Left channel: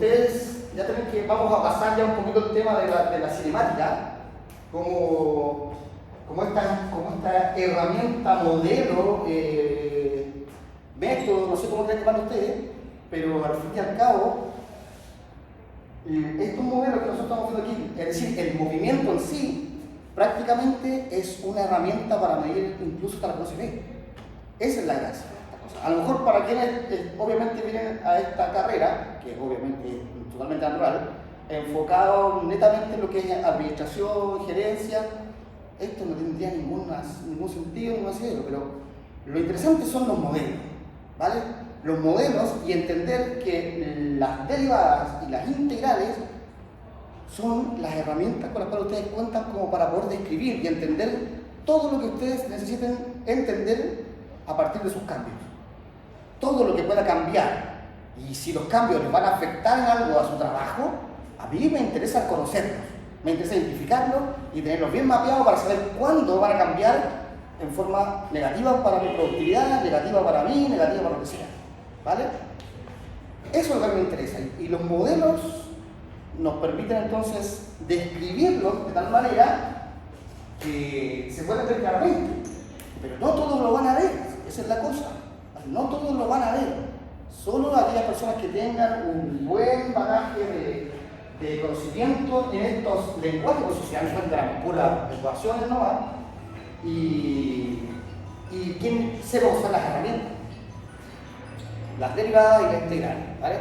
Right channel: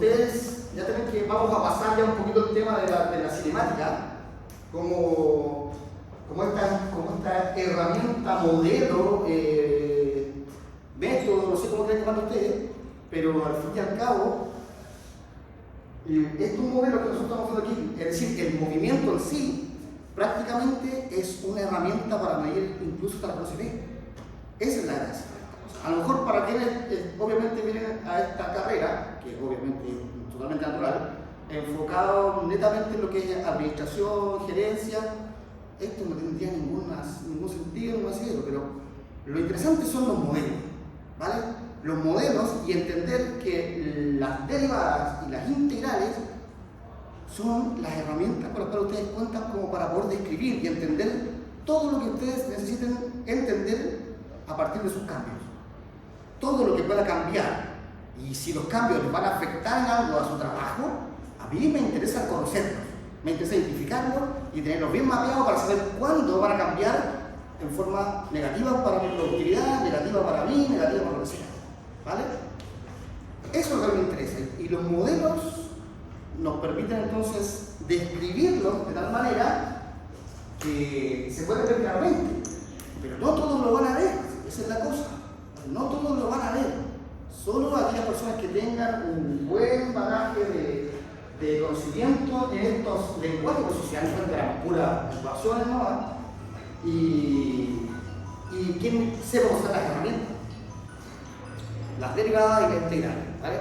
ustedes ya tienen que, vamos a pasar ya un poquito el tema de la cinemática, como esta herramienta, modelo, método, no sé cómo creen llamarlo ustedes, pero al fin y al cabo, es un modelo que nosotros estamos haciendo aquí, es decir, el movimiento en sí, prácticamente es una herramienta para medir incluso hasta la velocidad. Esa es la gracia. A lo mejor para quienes obviamente vienen a esta carrera, que obviamente es totalmente natural, enfocado netamente en lo que es administración, gerencia, esto no tendría ningún sentido, ningún sentido, pero lo interesante son los modelos, ¿vale? Los modelos y entender que las derivadas y las integrales son las herramientas con las cuales ustedes cuentan como para poder describir y entender todo lo que ustedes necesiten entender a partir de sus cambios. Todo lo que pueda cambiar, y si los cambios les van a afectar en algo a su trabajo, a mí me interesa conocerlos, me interesa identificarlos y tenerlos bien mapeados para saber cuándo van a cambiar en forma negativa para mi productividad, negativa para mí, negativa para lo que sea, ¿vale? Eso es lo que me interesa, y los modelos nos permiten entonces describirlos de tal manera que se puede ver claramente, pero no todos lo van a ver, esa es la cosa. No todos lo van a ver, solo aquellas personas que tengan un buen bagaje de conocimiento en estos lenguajes que se dan cuenta de las puras ecuaciones nomás, y quien sepa usar las herramientas, las derivadas y las integrales, ¿vale?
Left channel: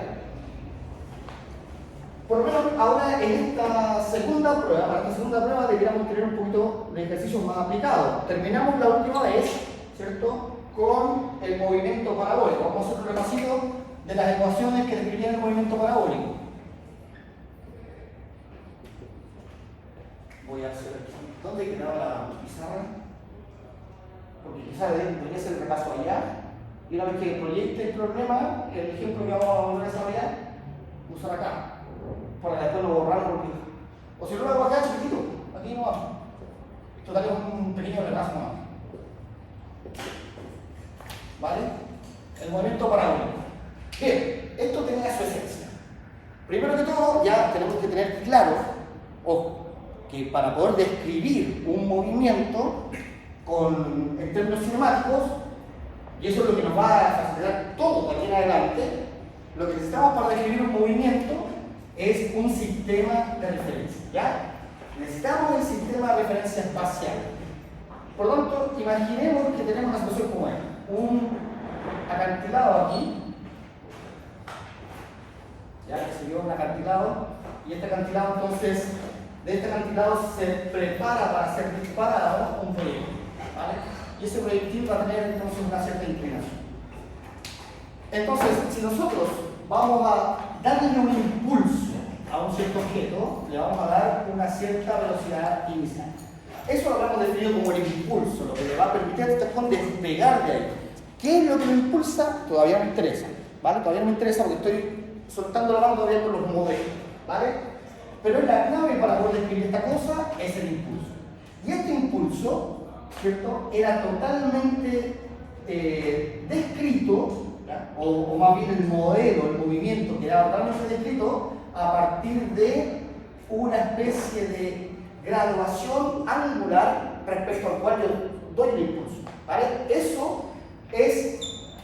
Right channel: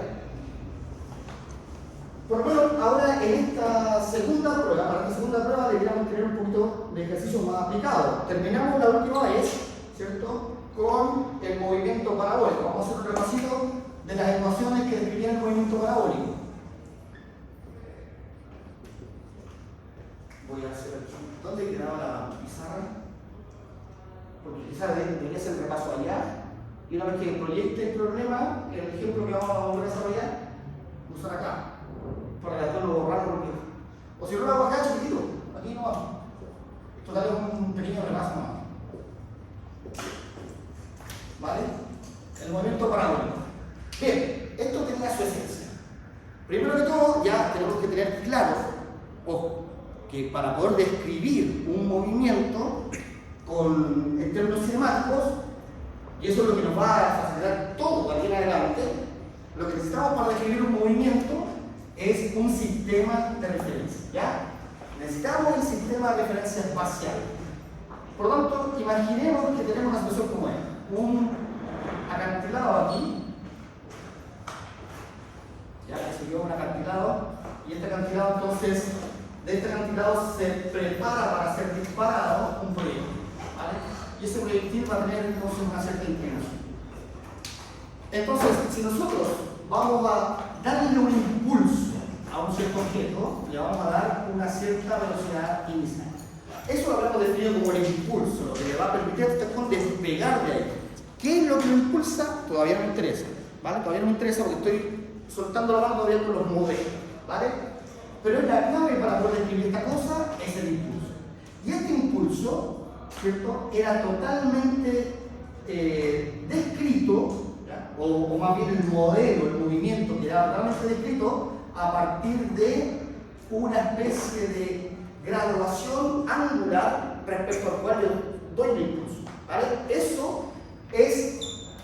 Por lo menos ahora en esta segunda prueba, deberíamos tener un poquito de ejercicios más aplicados. Terminamos la última vez, ¿cierto?, con el movimiento parabólico. Vamos a hacer un repasito de las ecuaciones que describían el movimiento parabólico. Voy a hacer aquí. ¿Dónde quedaba la pizarra? Porque quizás debería hacer el repaso allá. Y una vez que proyecte el problema, el ejemplo que vamos a desarrollar, usar acá. Para después lo borrar porque... O si no lo hago acá, chiquitito. Aquí no vamos. Esto da un pequeño repaso más. ¿Vale? El movimiento parabólico. Bien, esto tenía su esencia. Primero que todo, ya tenemos que tener claro, ojo, que para poder describir un movimiento en términos cinemáticos, y eso es lo que nos va a facilitar todo aquí en adelante, lo que necesitamos para describir un movimiento es un sistema de referencia, ¿ya? Necesitamos el sistema de referencia espacial. Por lo tanto, imaginemos que tenemos una situación como esta. Un acantilado aquí, ya que se dio un acantilado, y este acantilado entonces, de este acantilado se prepara para ser disparado un proyectil, ¿vale? Y ese proyectil va a tener entonces una cierta inclinación. Entonces, si nosotros vamos a darle un impulso a un cierto objeto, le vamos a dar una cierta velocidad inicial. Eso lo habíamos definido como el impulso, lo que le va a permitir a este cajón despegar de ahí. ¿Qué es lo que lo impulsa? Todavía no me interesa, ¿vale? Todavía no me interesa porque estoy soltando la mano todavía con los modelos, ¿vale? Pero la clave para poder describir esta cosa es el impulso. Y este impulso, ¿cierto?, era totalmente descrito, o más bien el modelo, el movimiento quedaba totalmente descrito a partir de una especie de graduación angular respecto al cual yo doy el impulso, ¿vale? Eso es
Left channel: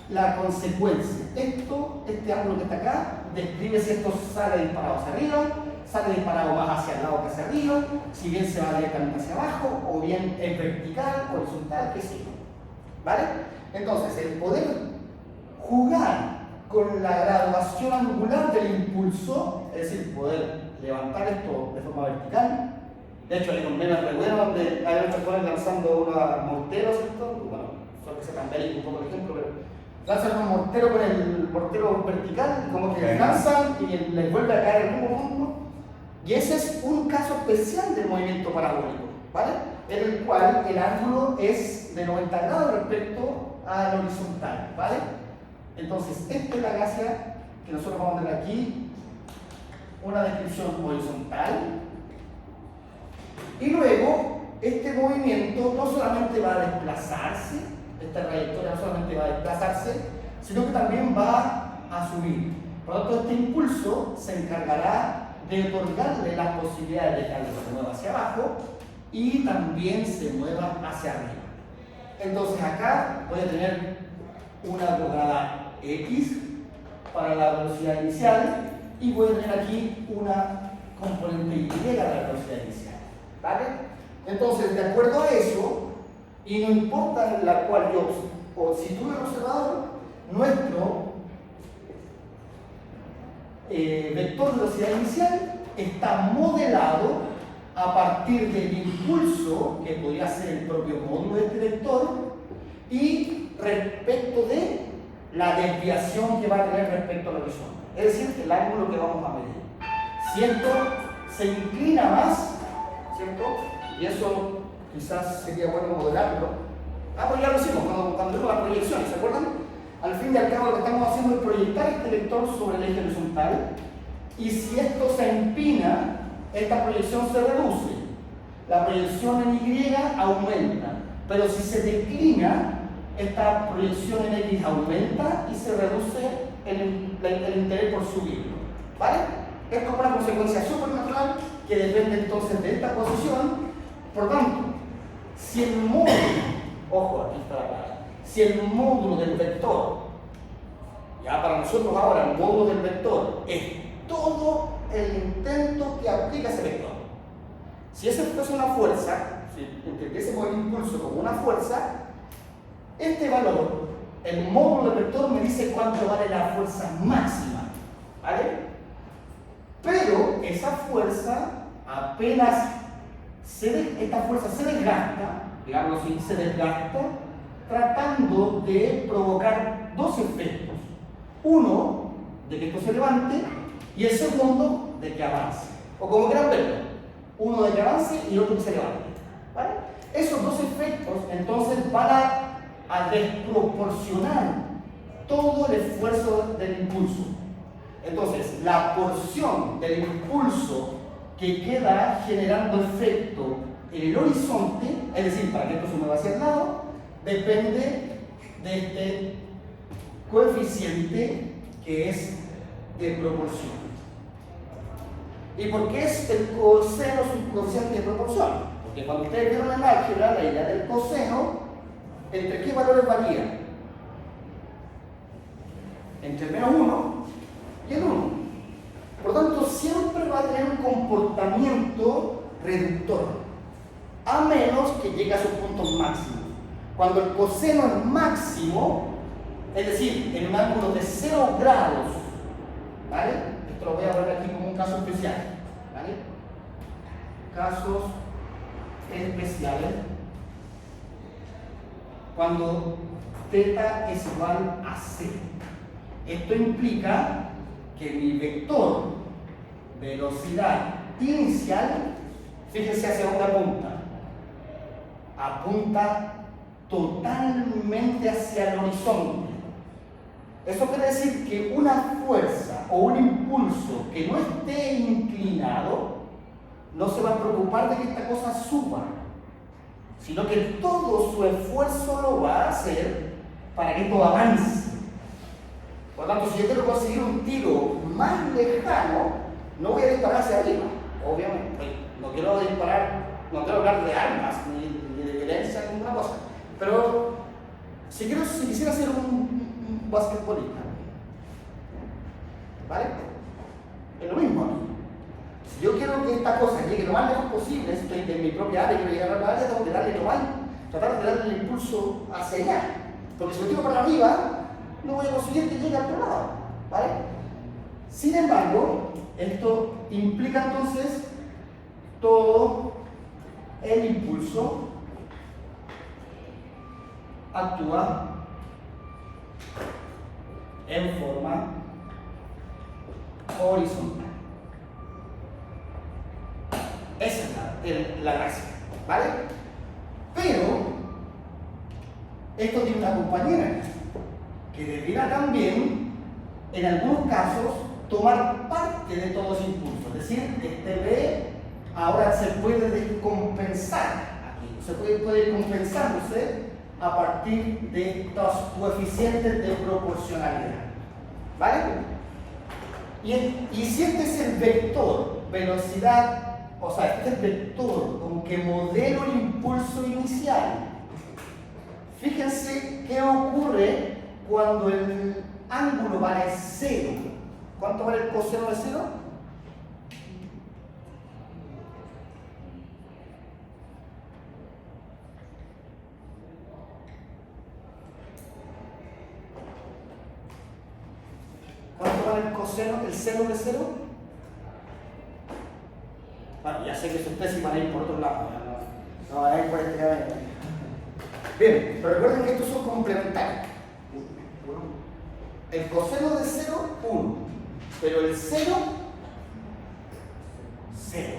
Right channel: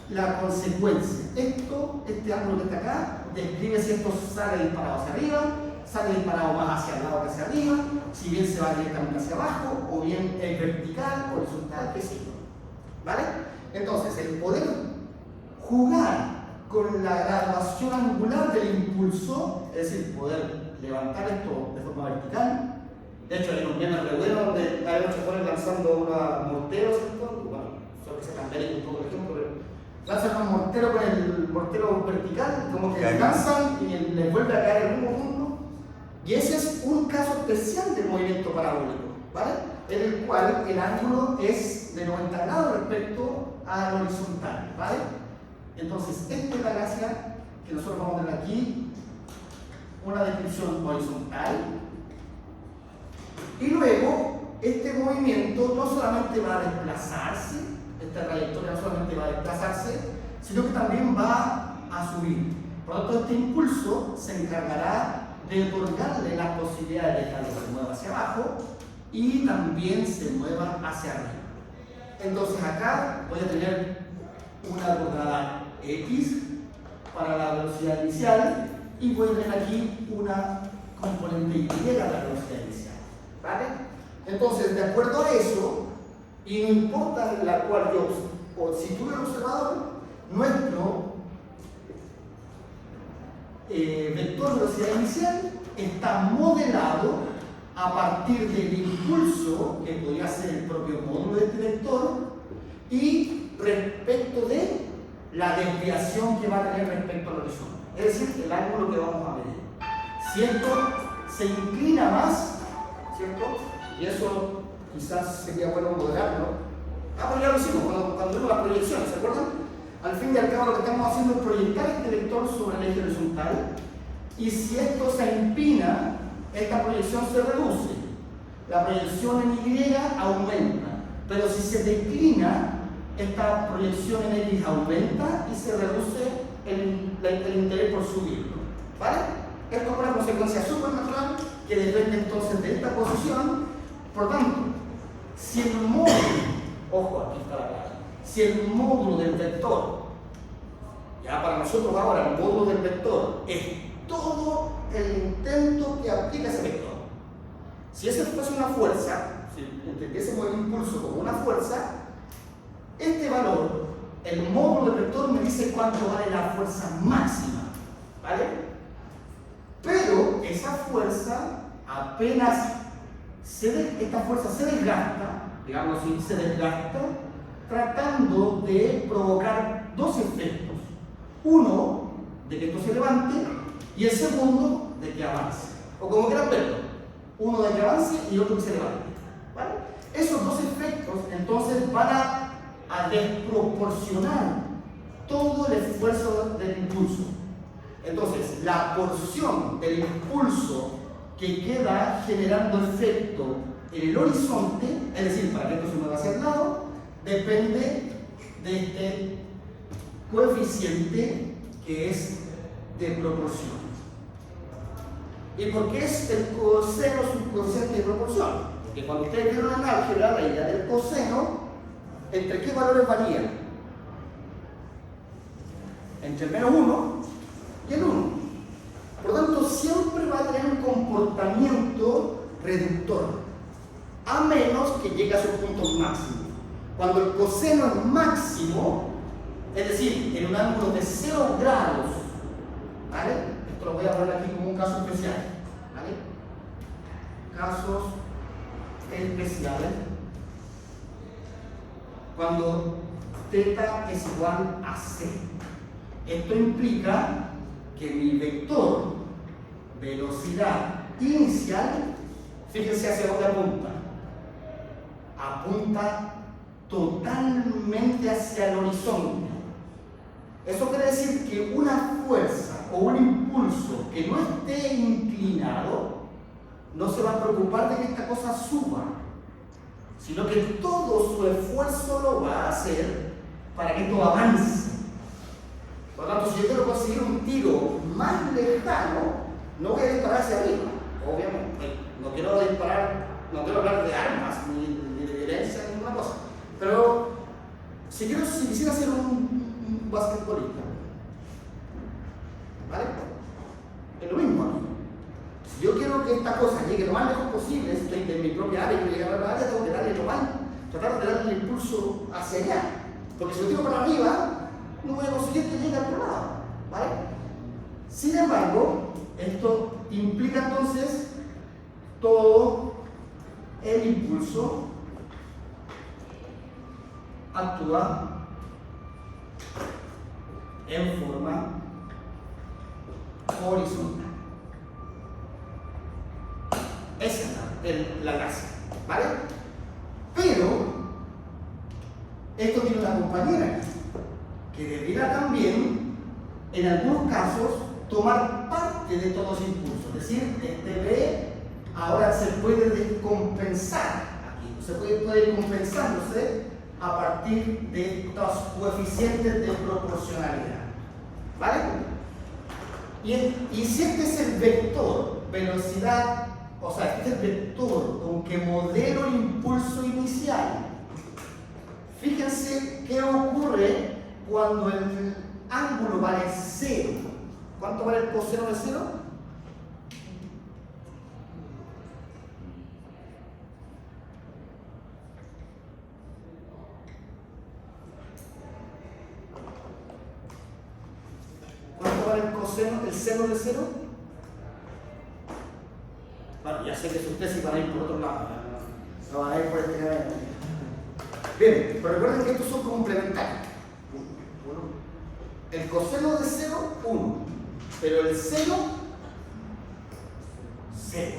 la consecuencia. Este ángulo que está acá, describe si esto sale disparado hacia arriba, sale disparado más hacia el lado que hacia arriba, si bien se va directamente hacia abajo, o bien es vertical, horizontal, qué sé yo, ¿vale? Entonces, el poder jugar con la graduación angular del impulso, es decir, poder levantar esto de forma vertical. De hecho, hay un meme re bueno donde hay otros jóvenes lanzando unos morteros, ¿cierto? Bueno, solo que se cambiaría un poco el ejemplo, pero lanzan un mortero con el mortero vertical, como que lanzan y les vuelve a caer el mismo punto. Y ese es un caso especial del movimiento parabólico, ¿vale? En el cual el ángulo es de 90 grados respecto al horizontal, ¿vale? Entonces, esta es la gracia que nosotros vamos a tener aquí, una descripción horizontal. Y luego, este movimiento no solamente va a desplazarse, esta trayectoria no solamente va a desplazarse, sino que también va a subir. Por lo tanto, este impulso se encargará de otorgarle la posibilidad de que algo se mueva hacia abajo y también se mueva hacia arriba. Entonces acá voy a tener una coordenada X para la velocidad inicial y voy a tener aquí una componente Y para la velocidad inicial. ¿Vale? Entonces, de acuerdo a eso, y no importa en la cual yo sitúe el observador, nuestro vector de velocidad inicial está modelado a partir del impulso, que podría ser el propio módulo de este vector, y respecto de la desviación que va a tener respecto al horizonte. Es decir, el ángulo que vamos a medir. Si esto se inclina más, ¿cierto? Y eso quizás sería bueno modelarlo. Pero ya lo hicimos cuando vimos las proyecciones, ¿se acuerdan? Al fin y al cabo lo que estamos haciendo es proyectar este vector sobre el eje horizontal, y si esto se empina, esta proyección se reduce. La proyección en Y aumenta, pero si se declina, esta proyección en X aumenta y se reduce el interés por subir. ¿Vale? Es como una consecuencia supernatural que depende entonces de esta posición. Por tanto, si el módulo, ojo, aquí está la cara, si el módulo del vector, ya para nosotros ahora el módulo del vector es todo el intento que aplica ese vector. Si eso fuese una fuerza, si entendiésemos el impulso como una fuerza, este valor, el módulo del vector me dice cuánto vale la fuerza máxima, ¿vale? Pero esa fuerza apenas esta fuerza se desgasta, digamos así, se desgasta tratando de provocar dos efectos. Uno, de que esto se levante, y el segundo, de que avance. O como quieran verlo, uno de que avance y otro que se levante. ¿Vale? Esos dos efectos entonces van a desproporcionar todo el esfuerzo del impulso. Entonces, la porción del impulso que queda generando efecto en el horizonte, es decir, para que esto se mueva hacia el lado, depende de este coeficiente que es de proporción. ¿Y por qué es el coseno un coeficiente de proporción? Porque cuando ustedes vieron en álgebra, la idea del coseno, ¿entre qué valores varía? Entre el menos 1 y el 1. Por lo tanto, siempre va a tener un comportamiento reductor, a menos que llegue a sus puntos máximos. Cuando el coseno es máximo, es decir, en un ángulo de 0 grados, ¿vale? Esto lo voy a poner aquí como un caso especial, ¿vale? Casos especiales. Cuando θ es igual a 0. Esto implica que mi vector velocidad inicial, fíjense hacia dónde apunta. Apunta totalmente hacia el horizonte. Eso quiere decir que una fuerza o un impulso que no esté inclinado no se va a preocupar de que esta cosa suba, sino que todo su esfuerzo lo va a hacer para que esto avance. Por lo tanto, si yo quiero conseguir un tiro más lejano, no voy a disparar hacia arriba, obviamente. No quiero disparar, no quiero hablar de armas ni de violencia ni ninguna cosa. Pero si quisiera ser un basquetbolista, ¿vale? Es lo mismo aquí. Si yo quiero que esta cosa llegue lo más lejos posible, estoy de mi propia área, quiero llegar a la área, tengo que darle lo más, tratar de darle el impulso hacia allá. Porque si lo tiro para arriba, no voy a conseguir que llegue al otro lado, ¿vale? Sin embargo, esto implica entonces todo el impulso actúa en forma horizontal. Esa es la gracia, ¿vale? Pero esto tiene una compañera que debiera también, en algunos casos, tomar parte de todo ese impulso. Es decir, este B ahora se puede descompensar aquí, se puede ir compensándose a partir de estos coeficientes de proporcionalidad. ¿Vale? Y si este es el vector, velocidad, o sea, este es el vector con que modelo el impulso inicial, fíjense qué ocurre cuando el ángulo vale 0. ¿Cuánto vale el coseno de 0? ¿Cuánto vale el coseno, el seno de 0? Bueno, ya sé que ustedes van a ir por otro lado, no van a ir por este camino. Bien, pero recuerden que estos son complementarios. El coseno de 0, 1. Pero el seno, 0.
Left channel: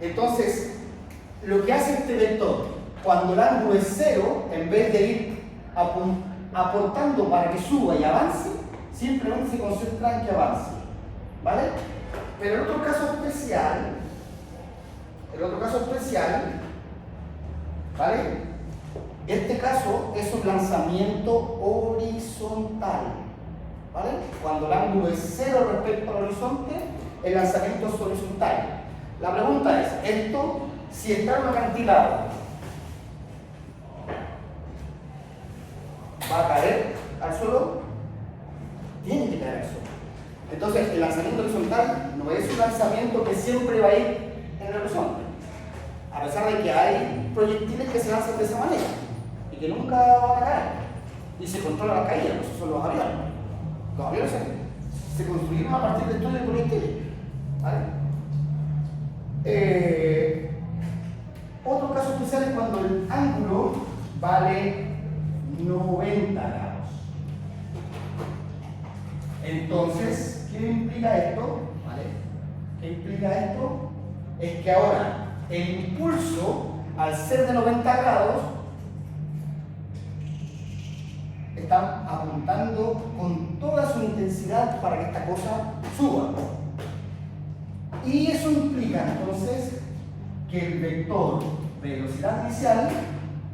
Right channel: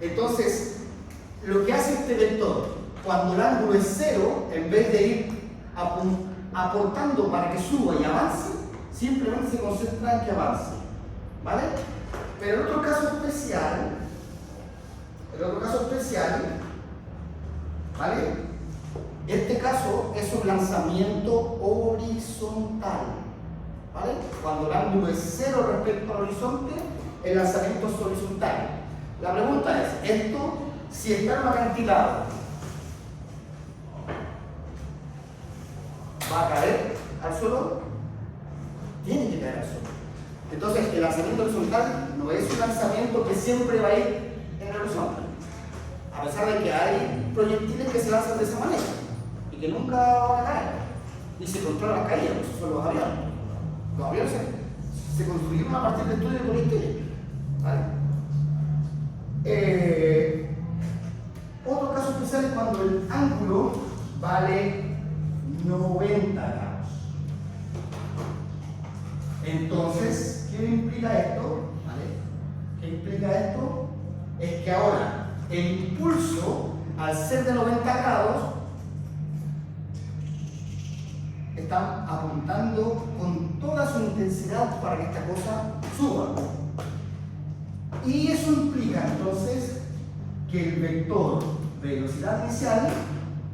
Entonces, lo que hace este vector, cuando el ángulo es 0, en vez de ir aportando para que suba y avance, simplemente se concentra en que avance. ¿Vale? Pero el otro caso especial, ¿vale? Este caso es un lanzamiento horizontal, ¿vale? Cuando el ángulo es 0 respecto al horizonte, el lanzamiento es horizontal. La pregunta es, esto, si está en un acantilado, ¿va a caer al suelo? Tiene que caer al suelo. Entonces, el lanzamiento horizontal no es un lanzamiento que siempre va a ir en el horizonte, a pesar de que hay proyectiles que se lanzan de esa manera y que nunca van a caer y se controla la caída. Esos son los aviones. Los aviones se construyeron a partir de estudios de proyectiles, ¿vale? Otro caso especial es cuando el ángulo vale 90 grados. Entonces, ¿qué implica esto? ¿Vale? ¿Qué implica esto? Es que ahora el impulso, al ser de 90 grados, está apuntando con toda su intensidad para que esta cosa suba. Y eso implica entonces que el vector velocidad inicial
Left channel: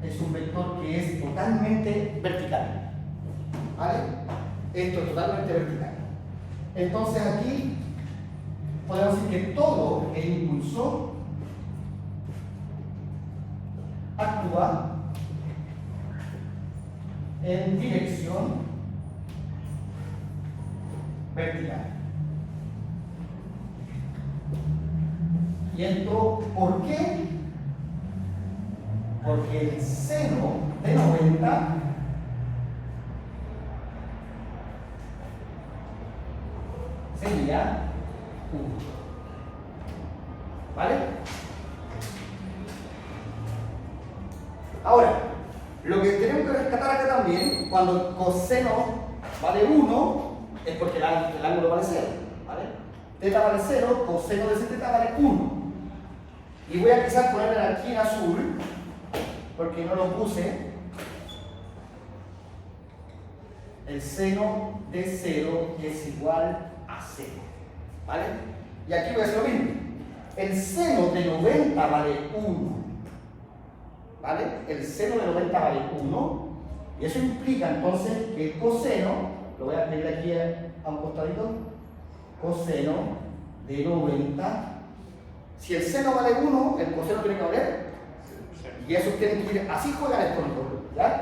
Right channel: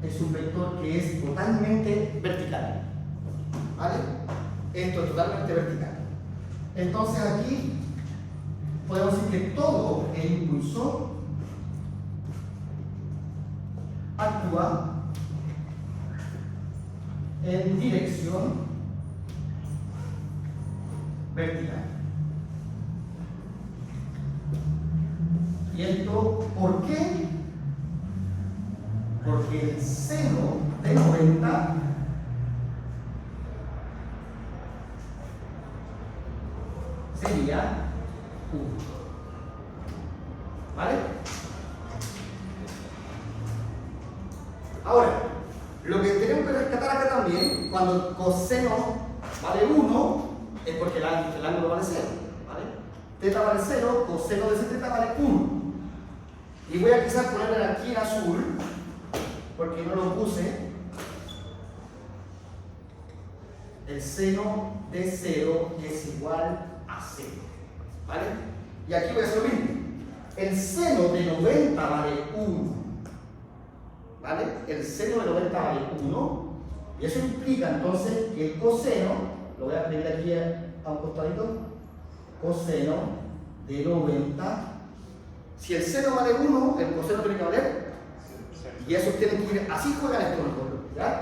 es un vector que es totalmente vertical. ¿Vale? Esto es totalmente vertical. Entonces aquí podemos decir que todo el impulso actúa en dirección vertical. ¿Y esto por qué? Porque el seno de 90 sería 1. ¿Vale? Ahora, lo que tenemos que rescatar acá también, cuando coseno vale 1, es porque el ángulo vale 0. ¿Vale? Teta vale 0, coseno de ese teta vale 1. Y voy a quizás ponerle aquí en azul, porque no lo puse. El seno de 0 es igual a 0. ¿Vale? Y aquí voy a hacer lo mismo. El seno de 90 vale 1. ¿Vale? El seno de 90 vale 1. Y eso implica entonces que el coseno, lo voy a escribir aquí a un costadito, coseno de 90. Si el seno vale 1, el coseno tiene que valer. Y eso tiene que ir, así juegan estos nosotros, ¿ya?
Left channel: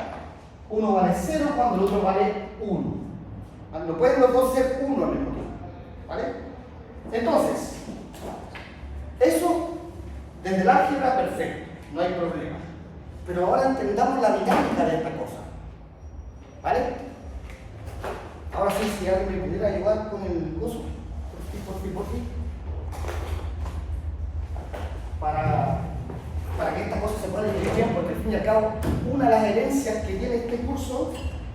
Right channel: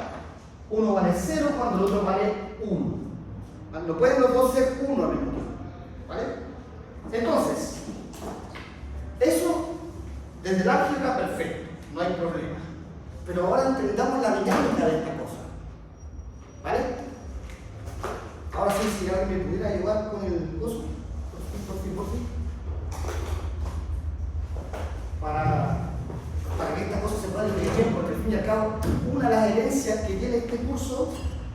Uno vale 0 cuando el otro vale 1. No pueden los dos ser 1 al mismo tiempo, ¿vale? Entonces, eso desde el álgebra perfecto, no hay problema. Pero ahora entendamos la dinámica de esta cosa, ¿vale? Ahora sí, si alguien me pudiera ayudar con el coso, por fin. Para que esta cosa se pueda dividir bien, porque al fin y al cabo, una de las herencias que tiene este curso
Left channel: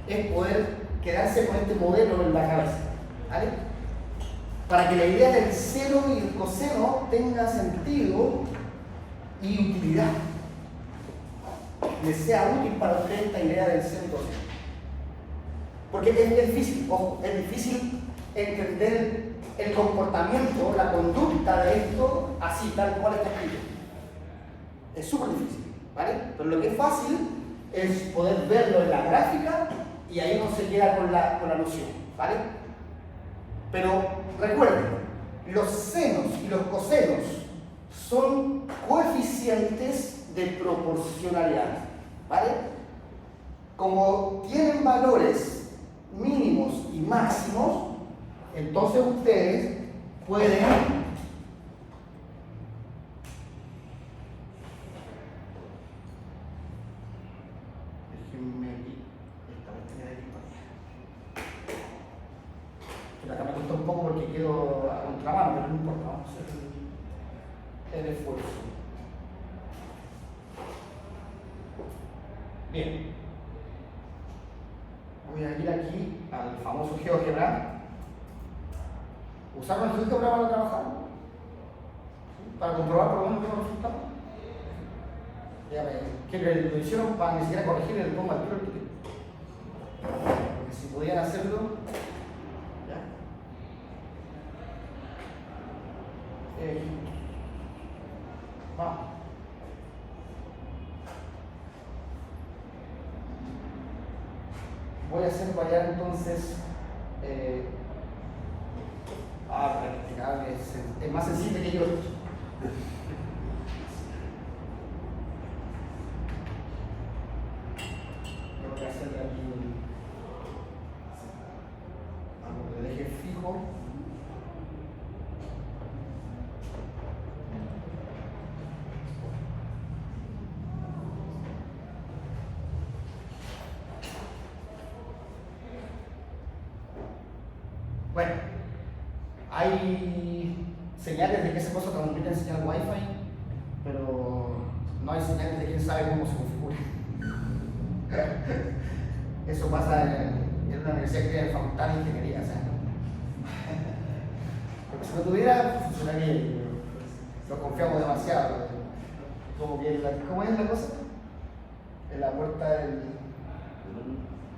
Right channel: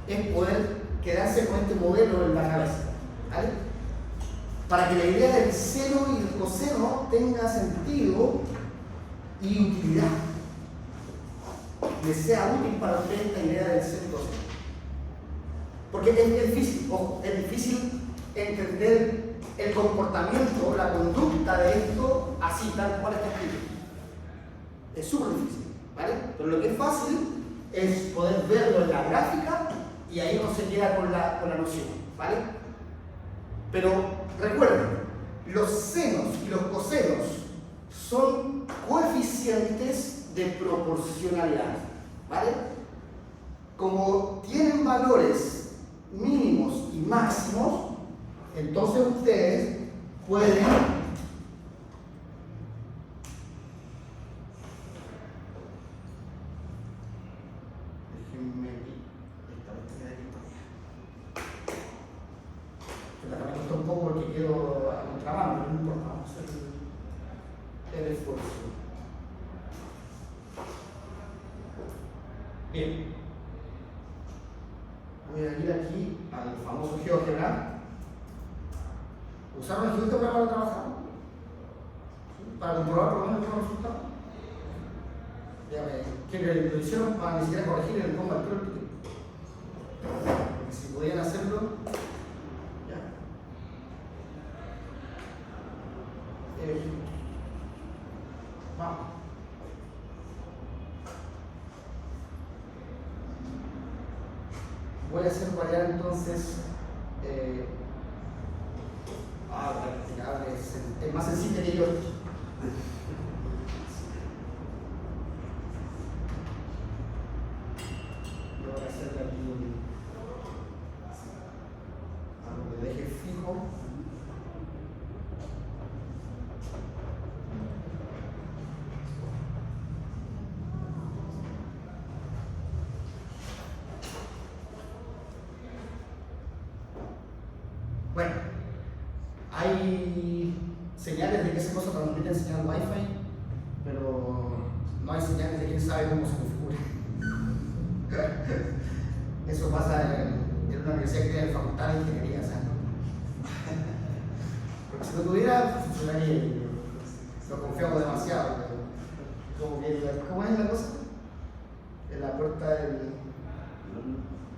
es poder quedarse con este modelo en la cabeza, ¿vale? Para que la idea del seno y el coseno tenga sentido y utilidad, les sea útil para ustedes esta idea del seno y coseno. Porque es difícil, ojo, es difícil entender el comportamiento, la conducta de esto así, tal cual está escrito. Es súper difícil, ¿vale? Pero lo que es fácil es poder verlo en la gráfica y ahí no se queda con la noción, ¿vale? Pero recuerden, los senos y los cosenos son coeficientes de proporcionalidad, ¿vale? Como tienen valores mínimos y máximos, entonces ustedes pueden un poco porque quiero a contramano, pero no importa, vamos a hacer el esfuerzo. Bien, voy a ir aquí al famoso GeoGebra. ¿Usaron el GeoGebra para trabajar? ¿Sí? Para comprobar por lo menos los resultados. Que lo hicieron para ni siquiera corregir el coma del porque si podían hacerlo. Vamos. Voy a hacer variar entonces practicar es más sencillo que yo. Voy a hacer aquí algo de eje fijo. Bueno, hay señales de que esa cosa transmite en señal Wi-Fi, pero no hay señales de quién sabe cómo se configura. Eso pasa en una universidad que tiene facultad de ingeniería, ¿sabes? Porque si no tuviera, funcionaría. Lo confiamos demasiado. ¿Cómo es la cosa? En la puerta del.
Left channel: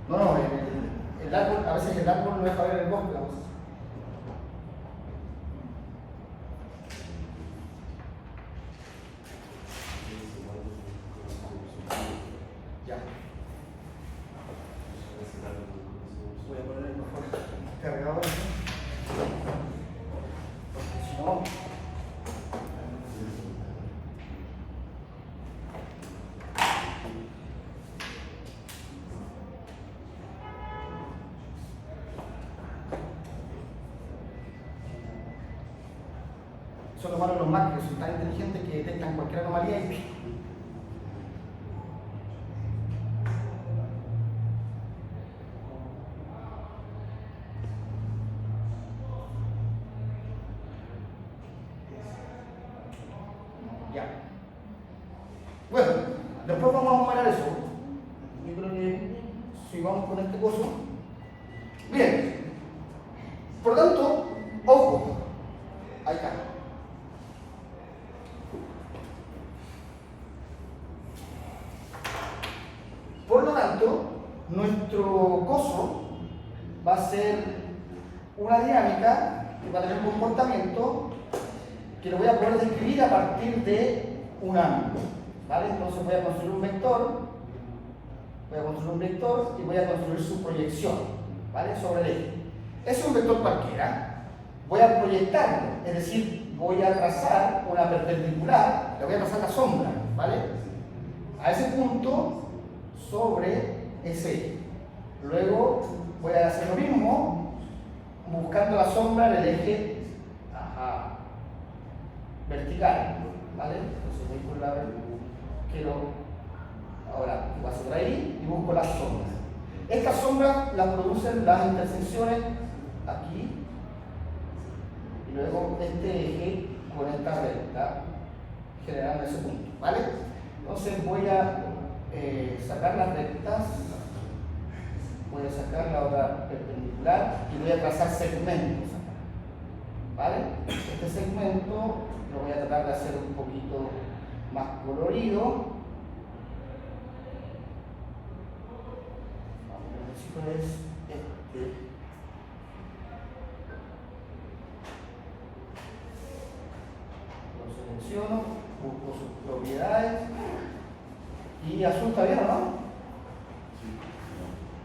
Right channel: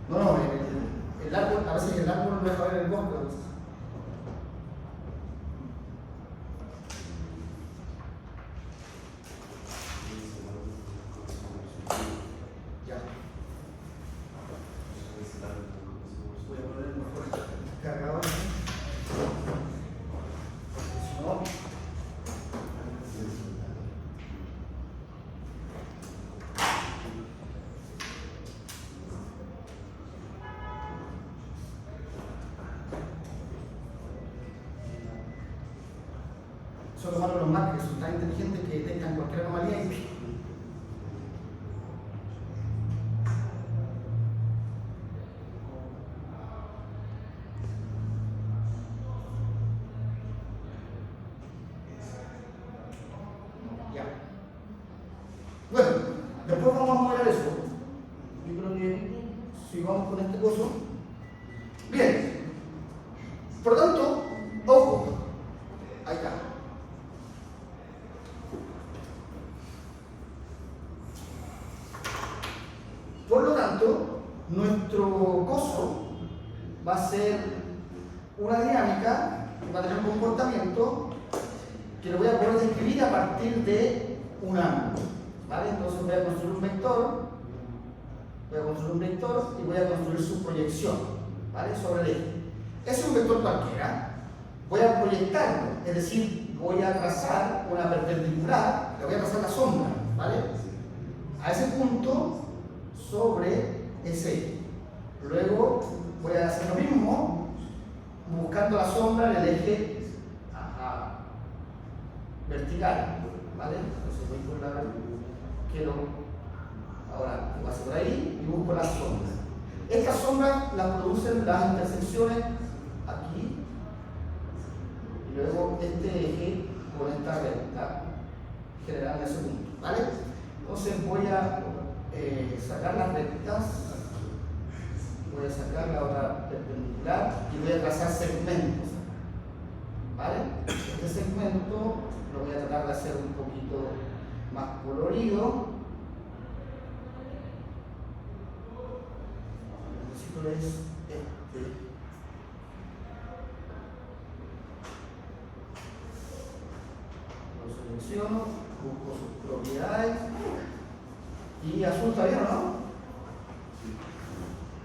No, el árbol, a veces el árbol no deja ver el bosque. Ya. Voy a poner mejor el cargador. Si no. Son los malos los Mac, que son tan inteligentes que detectan cualquier anomalía y ya. Bueno, después vamos a mover eso. Yo creo que sigamos con este curso. Bien. Por lo tanto, ojo. Ahí está. Por lo tanto, nuestro coso va a ser una dinámica que va a tener un comportamiento que lo voy a poder describir a partir de un ángulo, ¿vale? Entonces voy a construir un vector, y voy a construir su proyección, ¿vale? Sobre el eje. Es un vector cualquiera, voy a proyectarlo, es decir, voy a trazar una perpendicular, le voy a trazar la sombra, ¿vale? A ese punto sobre ese eje. Luego voy a hacer lo mismo buscando la sombra del eje vertical, ¿vale? Entonces voy por la ahora paso por ahí y busco la sombra. Esta sombra la producen las intersecciones aquí y luego este eje con esta recta generando ese punto, ¿vale? Entonces voy a sacar las rectas, voy a sacar la otra perpendicular y voy a trazar segmentos, ¿vale? Este segmento lo voy a tratar de hacer un poquito más colorido. Lo que necesito es este. Lo selecciono, busco sus propiedades y azul está bien, ¿no?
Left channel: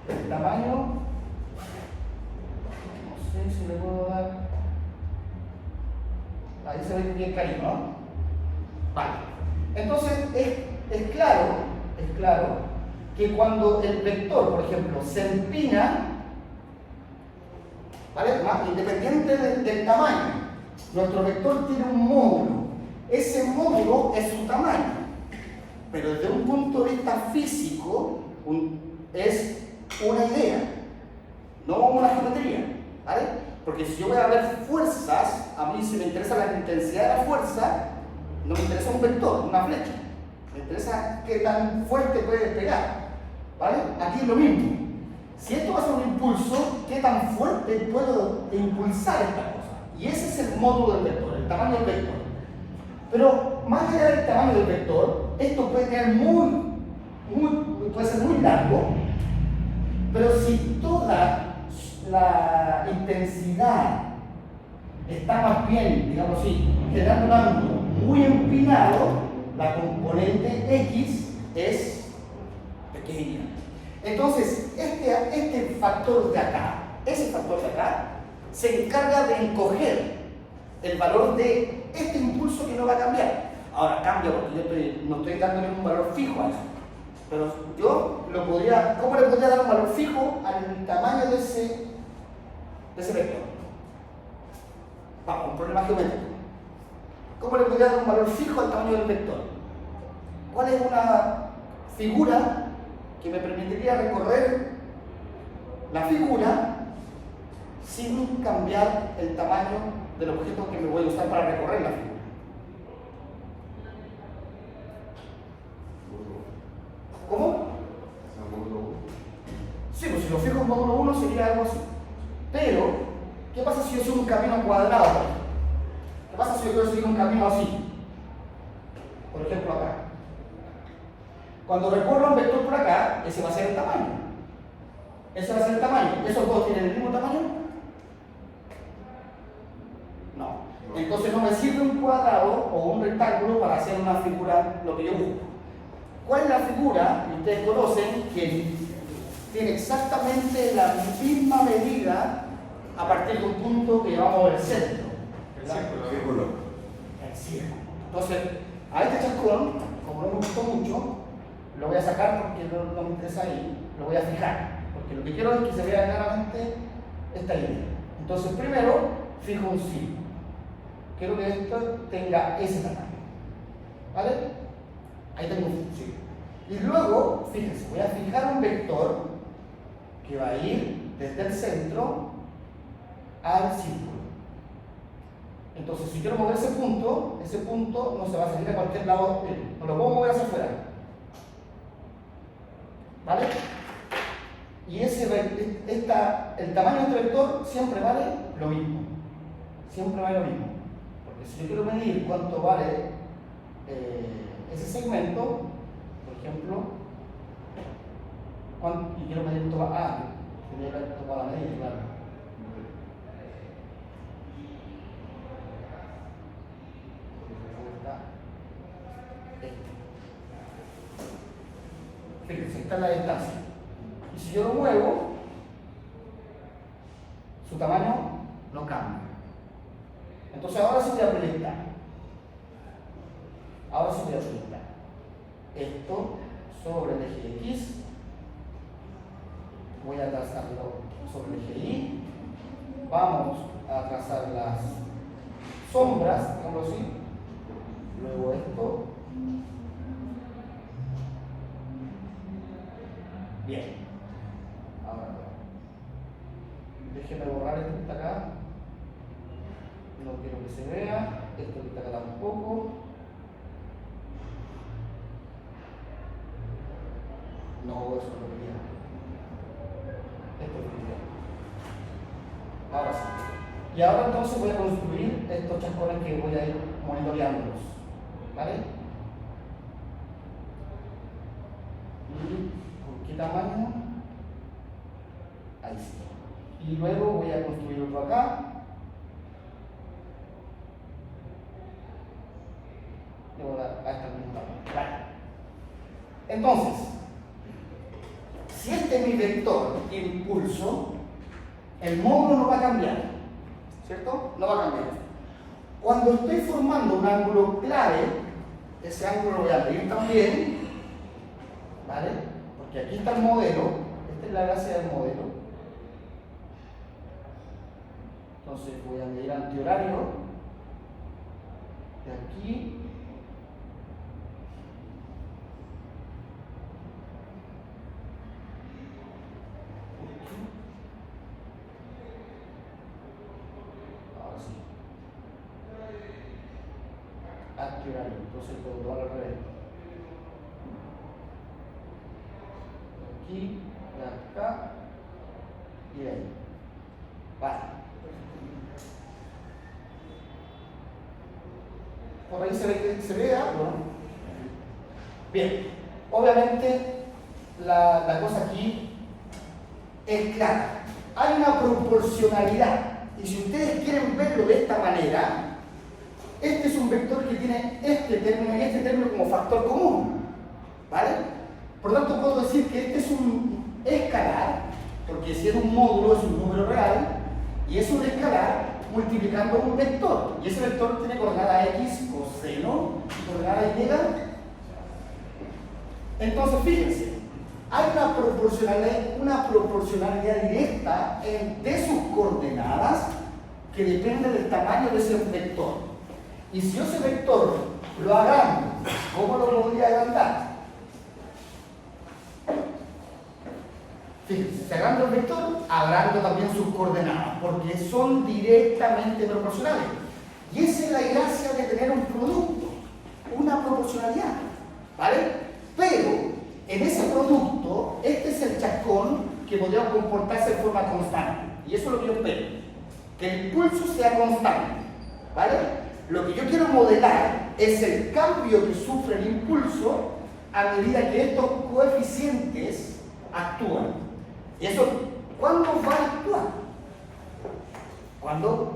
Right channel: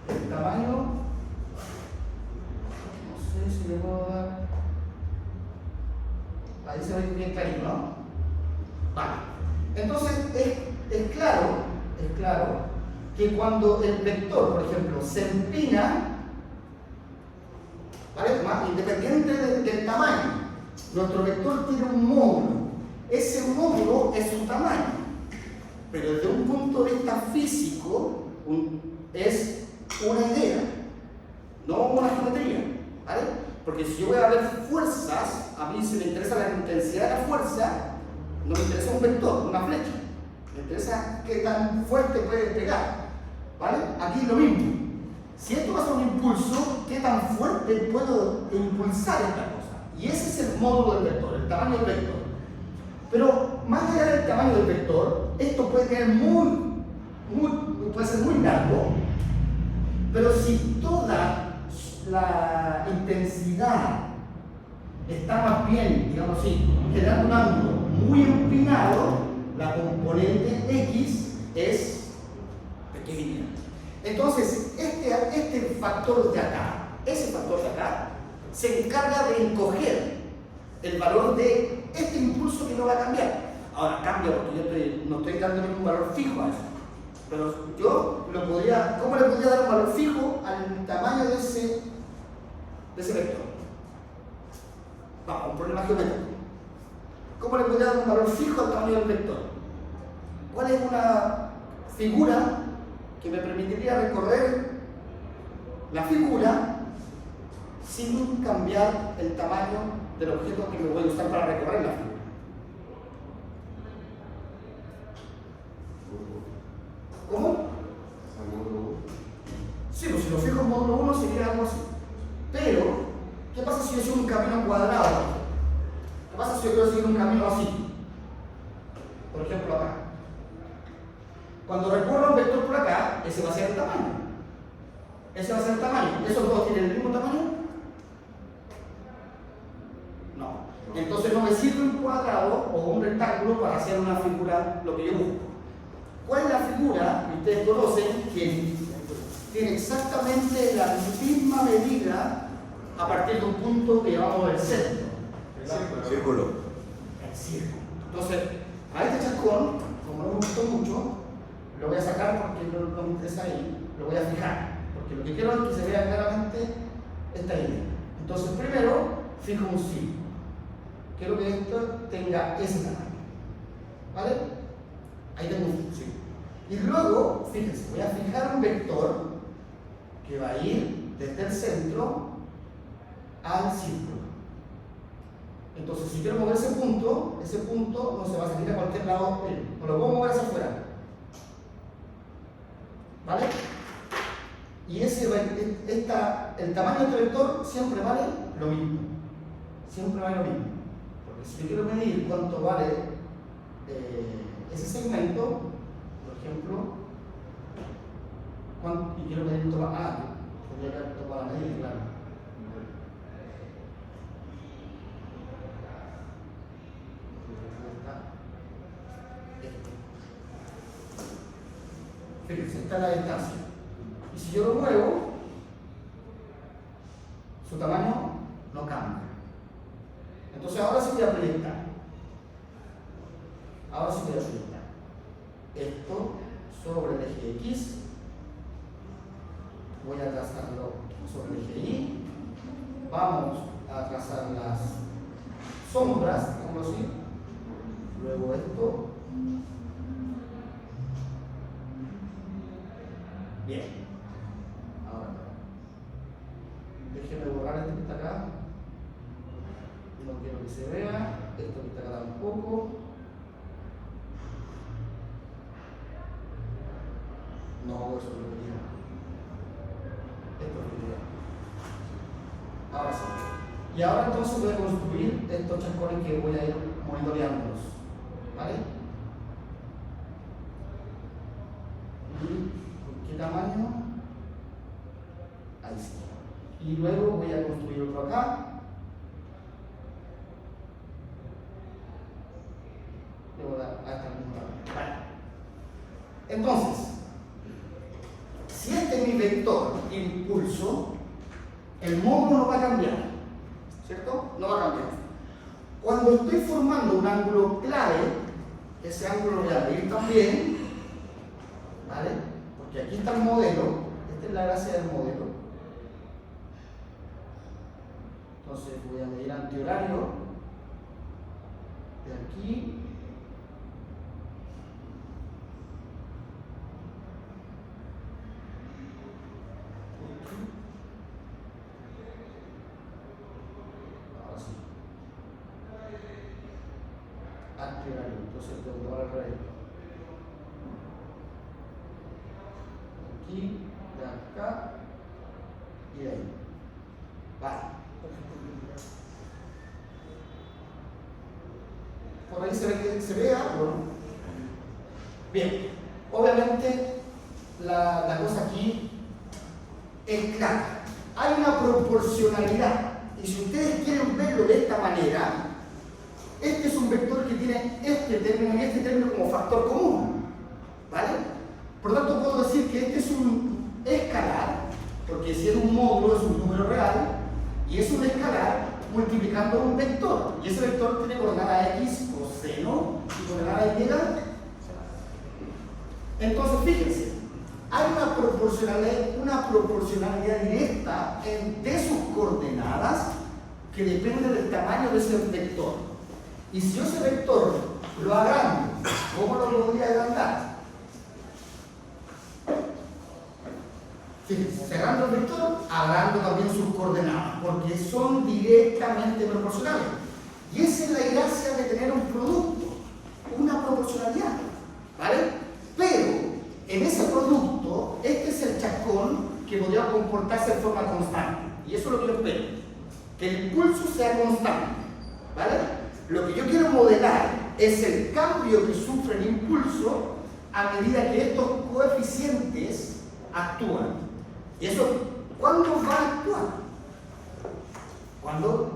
El tamaño, no sé si le puedo dar Ahí se ve bien clarito, ¿no? Vale. Entonces es claro que cuando el vector, por ejemplo, se empina, ¿vale? Independiente del tamaño, nuestro vector tiene un módulo. Ese módulo es su tamaño, pero desde un punto de vista físico es una idea, no una geometría, ¿vale? Porque si yo voy a ver fuerzas, a mí si me interesa la intensidad de la fuerza, no me interesa un vector, una flecha, me interesa qué tan fuerte puede pegar, ¿vale? Aquí es lo mismo. Si esto va a ser un impulso, ¿qué tan fuerte puedo impulsar esta cosa? Y ese es el módulo del vector, el tamaño del vector. Pero más allá del tamaño del vector, esto puede ser muy largo, pero si toda la intensidad está más bien, digamos así, generando un ángulo muy empinado, la componente X es pequeña. Entonces, este factor de acá, ese factor de acá, se encarga de encoger el valor de este impulso que no va a cambiar. Ahora cambia porque yo no estoy dándole un valor fijo a eso. Pero yo ¿cómo le podría dar un valor fijo al tamaño de ese vector? Vamos, un problema geométrico. ¿Cómo le podría dar un valor fijo al tamaño del vector? ¿Cuál es una figura que me permitiría recorrer la figura sin cambiar el tamaño del objeto que me voy a usar para recorrer la figura? ¿Cómo? Sí, pues si lo fijo en módulo 1 sería algo así. Pero, ¿qué pasa si yo sigo un camino cuadrado? ¿Qué pasa si yo quiero seguir un camino así? Por ejemplo, acá. Cuando recorro un vector por acá, ese va a ser el tamaño. Ese va a ser el tamaño. ¿Esos dos tienen el mismo tamaño? No. Entonces no me sirve un cuadrado o un rectángulo para hacer una figura, lo que yo busco. ¿Cuál es la figura que ustedes conocen que tiene exactamente la misma medida a partir de un punto que llamamos el centro? El círculo. El círculo. Entonces, a este chascón, como no me gustó mucho, lo voy a sacar porque no me interesa ahí, lo voy a fijar, porque lo que quiero es que se vea claramente esta línea. Entonces, primero, fijo un círculo. Quiero que esto tenga ese tamaño. ¿Vale? Ahí tengo un círculo. Y luego, fíjense, voy a fijar un vector que va a ir desde el centro al círculo. Entonces, si quiero mover ese punto no se va a salir a cualquier lado, no lo puedo mover hacia afuera. ¿Vale? Y el tamaño de este vector siempre vale lo mismo. Siempre vale lo mismo. Porque si yo quiero medir cuánto vale ese segmento, por ejemplo, y quiero medir un tamaño, tendría que haber tomado la medida, claro. Fíjense, esta es la distancia. Y si yo lo muevo, su tamaño no cambia. Entonces ahora sí voy a proyectar. Esto sobre el eje X. Voy a trazarlo sobre el eje Y. Vamos a trazar las sombras, digamos así. Luego esto. Bien. Ahora, déjenme borrar esto que está acá. No quiero que se vea. Esto que está acá tampoco. No, eso es lo que quiero. Esto es lo que quiero. Ahora sí. Y ahora entonces voy a construir estos chascones que voy a ir monitoreándolos. ¿Vale? ¿Con qué tamaño? Ahí sí. Y luego voy a construir otro acá. Y voy a dar a esta misma. Vale. Entonces, si este es mi vector impulso, el módulo no va a cambiar, ¿cierto? No va a cambiar. Cuando estoy formando un ángulo clave, ese ángulo lo voy a medir también, ¿vale? Porque aquí está el modelo, esta es la gracia del modelo. Entonces voy a medir antihorario de aquí. Ahora sí. Antihorario, entonces puedo dar al revés. Aquí, de acá y de ahí. Vale. Por ahí se ve algo, ¿no? Bien, obviamente la cosa aquí es clara. Hay una proporcionalidad. Y si ustedes quieren verlo de esta manera, este es un vector que tiene este término y este término como factor común. ¿Vale? Por lo tanto, puedo decir que este es un escalar, porque si es un módulo es un número real, y es un escalar multiplicando un vector. Y ese vector tiene coordenada x, coseno, y coordenada y. Entonces, fíjense, hay una proporcionalidad directa de sus coordenadas que depende del tamaño de ese vector. Y si yo ese vector lo agrando, ¿cómo lo podría agrandar? Fíjense, si agrando el vector, agrando también sus coordenadas, porque son directamente proporcionales. Y esa es la gracia de tener un producto, una proporcionalidad, ¿vale? Pero en ese producto, este es el chascón que podría comportarse de forma constante. Y eso es lo que yo espero, que el impulso sea constante, ¿vale? Lo que yo quiero modelar es el cambio que sufre el impulso a medida que estos coeficientes actúan. ¿Y eso cuándo va a actuar? Cuando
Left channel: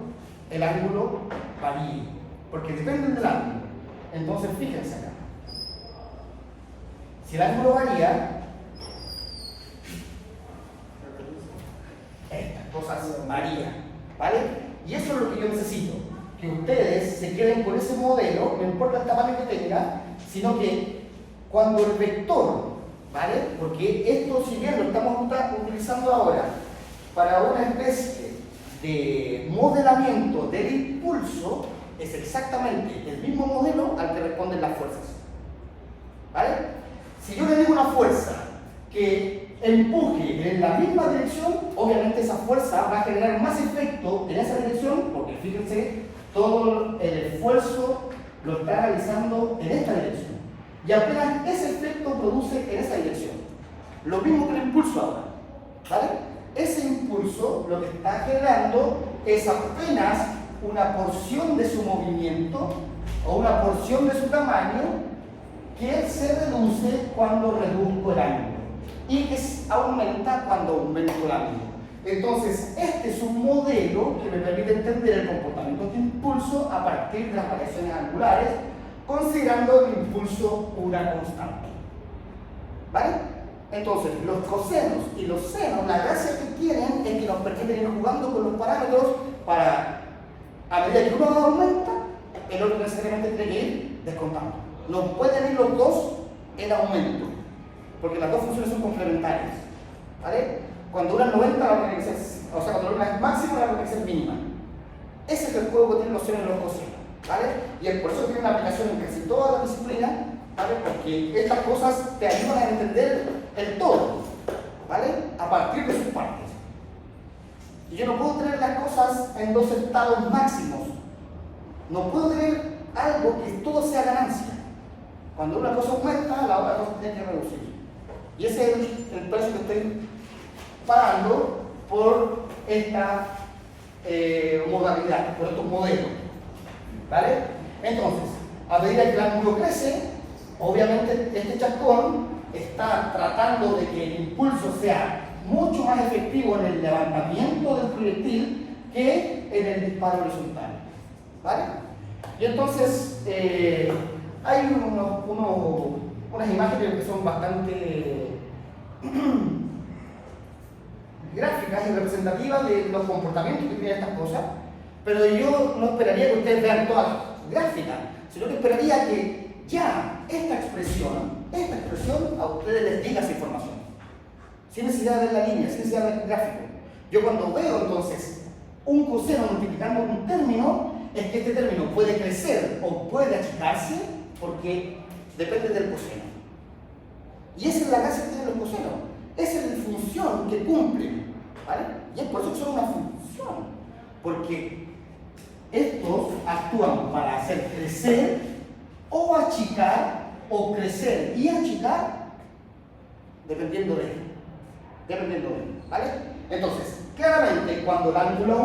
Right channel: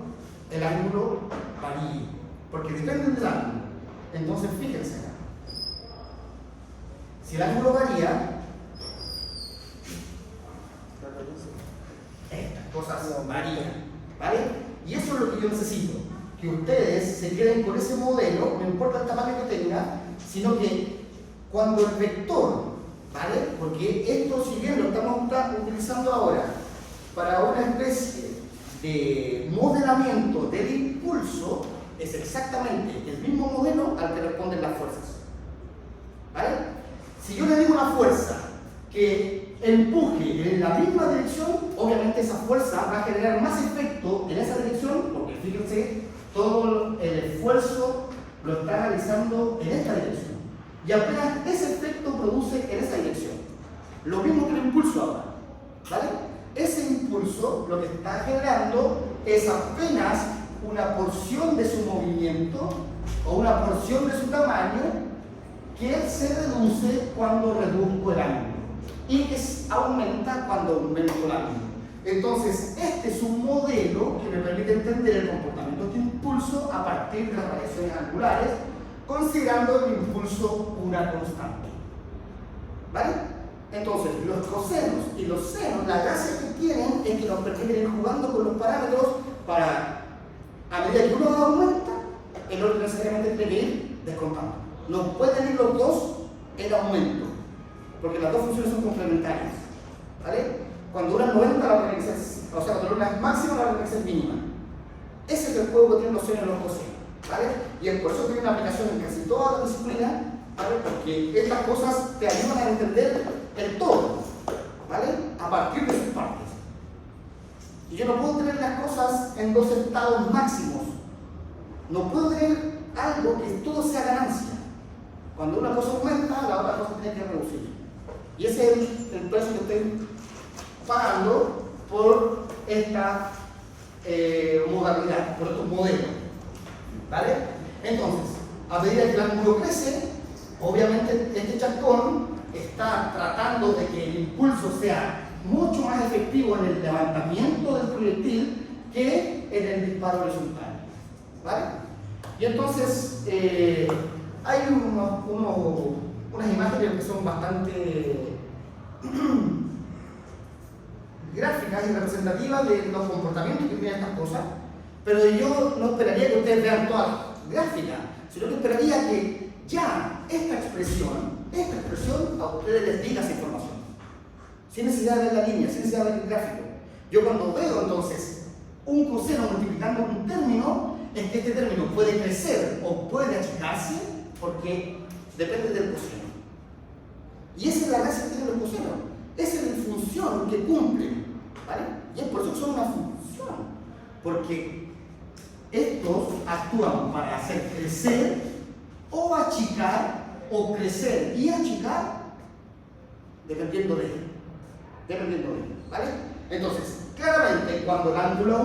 el ángulo varíe, porque depende del ángulo. Entonces, fíjense acá. Si el ángulo varía, estas cosas varían, ¿vale? Y eso es lo que yo necesito, que ustedes se queden con ese modelo, no importa el tamaño que tenga, sino que cuando el vector, ¿vale? Porque esto, si bien lo estamos utilizando ahora para una especie de modelamiento del impulso, es exactamente el mismo modelo al que responden las fuerzas, ¿vale? Si yo le digo una fuerza que empuje en la misma dirección, obviamente esa fuerza va a generar más efecto en esa dirección, porque fíjense, todo el esfuerzo lo está realizando en esta dirección. Y apenas ese efecto produce en esa dirección. Lo mismo que el impulso ahora, ¿vale? Ese impulso lo que está generando es apenas una porción de su movimiento o una porción de su tamaño que se reduce cuando reduzco el ángulo y que aumenta cuando aumento el ángulo. Entonces, este es un modelo que me permite entender el comportamiento de este impulso a partir de las variaciones angulares, considerando el impulso una constante. ¿Vale? Entonces, los cosenos y los senos, la gracia que tienen es que nos permiten ir jugando con los parámetros para, a medida que uno aumenta, el otro necesariamente tiene que ir descontando. No pueden ir los dos en aumento, porque las dos funciones son complementarias, ¿vale? Cuando una es 90, la otra es, o sea, cuando una es máxima, la otra es mínima. Ese es el juego que tienen los senos y los cosinos, ¿vale? Y es por eso que tiene una aplicación en casi toda la disciplina, ¿vale? Porque estas cosas te ayudan a entender el todo, ¿vale? A partir de sus partes. Y yo no puedo tener las cosas en dos estados máximos. No puedo tener algo que todo sea ganancia. Cuando una cosa aumenta, la otra cosa tiene que reducir. Y ese es el precio que estoy pagando por esta modalidad, por estos modelos, ¿vale? Entonces, a medida que el ángulo crece, obviamente este chascón está tratando de que el impulso sea mucho más efectivo en el levantamiento del proyectil que en el disparo horizontal, ¿vale? Y entonces hay unas imágenes que son bastante gráficas y representativas de los comportamientos que tienen estas cosas. Pero yo no esperaría que ustedes vean todas las gráficas, sino que esperaría que ya esta expresión a ustedes les diga esa información. Sin necesidad de ver la línea, sin necesidad de ver el gráfico. Yo cuando veo entonces un coseno multiplicando un término, es que este término puede crecer o puede achicarse porque depende del coseno. Y esa es la gracia que tienen los cosenos. Esa es la función que cumplen, ¿vale? Y es por eso que son una función. Porque estos actúan para hacer crecer o achicar, o crecer y achicar, dependiendo de él. ¿Vale? Entonces, claramente, cuando el ángulo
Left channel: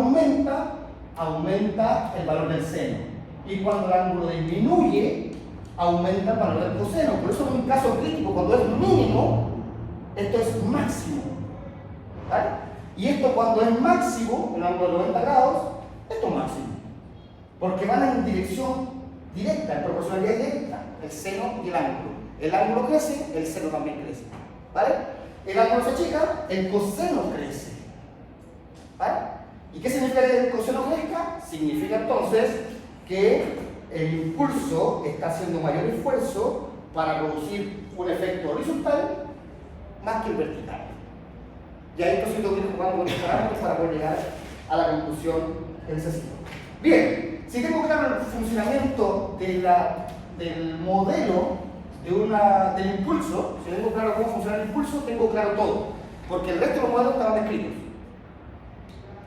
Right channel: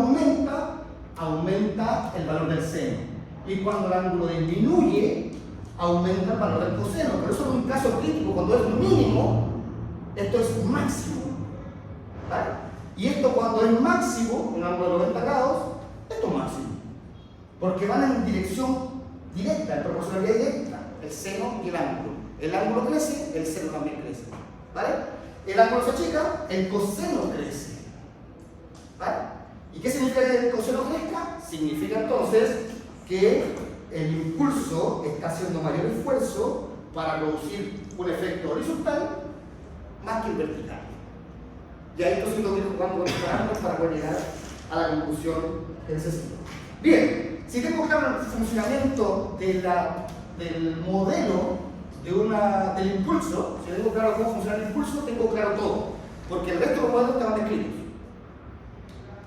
aumenta el valor del seno. Y cuando el ángulo disminuye, aumenta el valor del coseno. Pero eso es un caso crítico. Cuando es mínimo, esto es máximo. ¿Vale? Y esto cuando es máximo, un ángulo de 90 grados, esto es máximo. Porque van en dirección directa, en proporcionalidad directa, el seno y el ángulo. El ángulo crece, el seno también crece. ¿Vale? El ángulo se achica, el coseno crece. ¿Vale? ¿Y qué significa que el coseno crezca? Significa entonces que el impulso está haciendo mayor esfuerzo para producir un efecto horizontal más que el vertical. Y ahí entonces tengo que ir jugando con los parámetros para poder llegar a la conclusión que necesito. Bien, si tengo claro el funcionamiento del modelo del impulso, si tengo claro cómo funciona el impulso, tengo claro todo. Porque el resto de los modelos estaban escritos.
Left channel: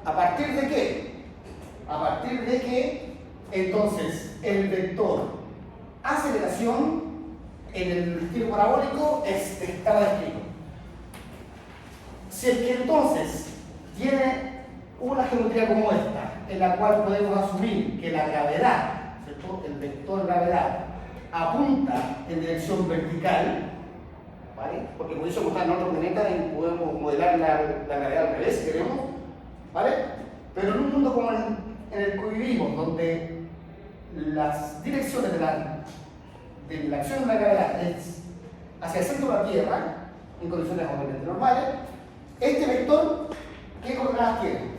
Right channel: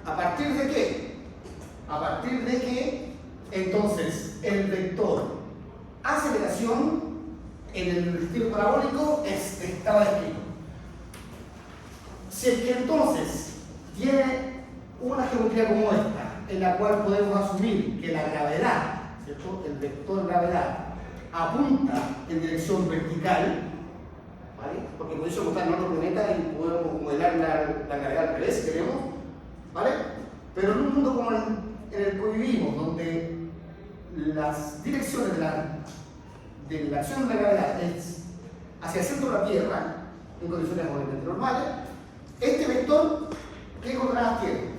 ¿A partir de qué? A partir de que entonces el vector aceleración en el estilo parabólico estaba escrito. Si es que entonces tiene una geometría como esta, en la cual podemos asumir que la gravedad, ¿cierto? El vector gravedad apunta en dirección vertical, ¿vale? Porque por eso buscar otro planeta y podemos modelar la gravedad al revés, si queremos, ¿vale? Pero en un mundo como en el que vivimos, donde las direcciones de la acción de la gravedad es hacia el centro de la Tierra, en condiciones obviamente normales, este vector, ¿qué coordenadas tiene?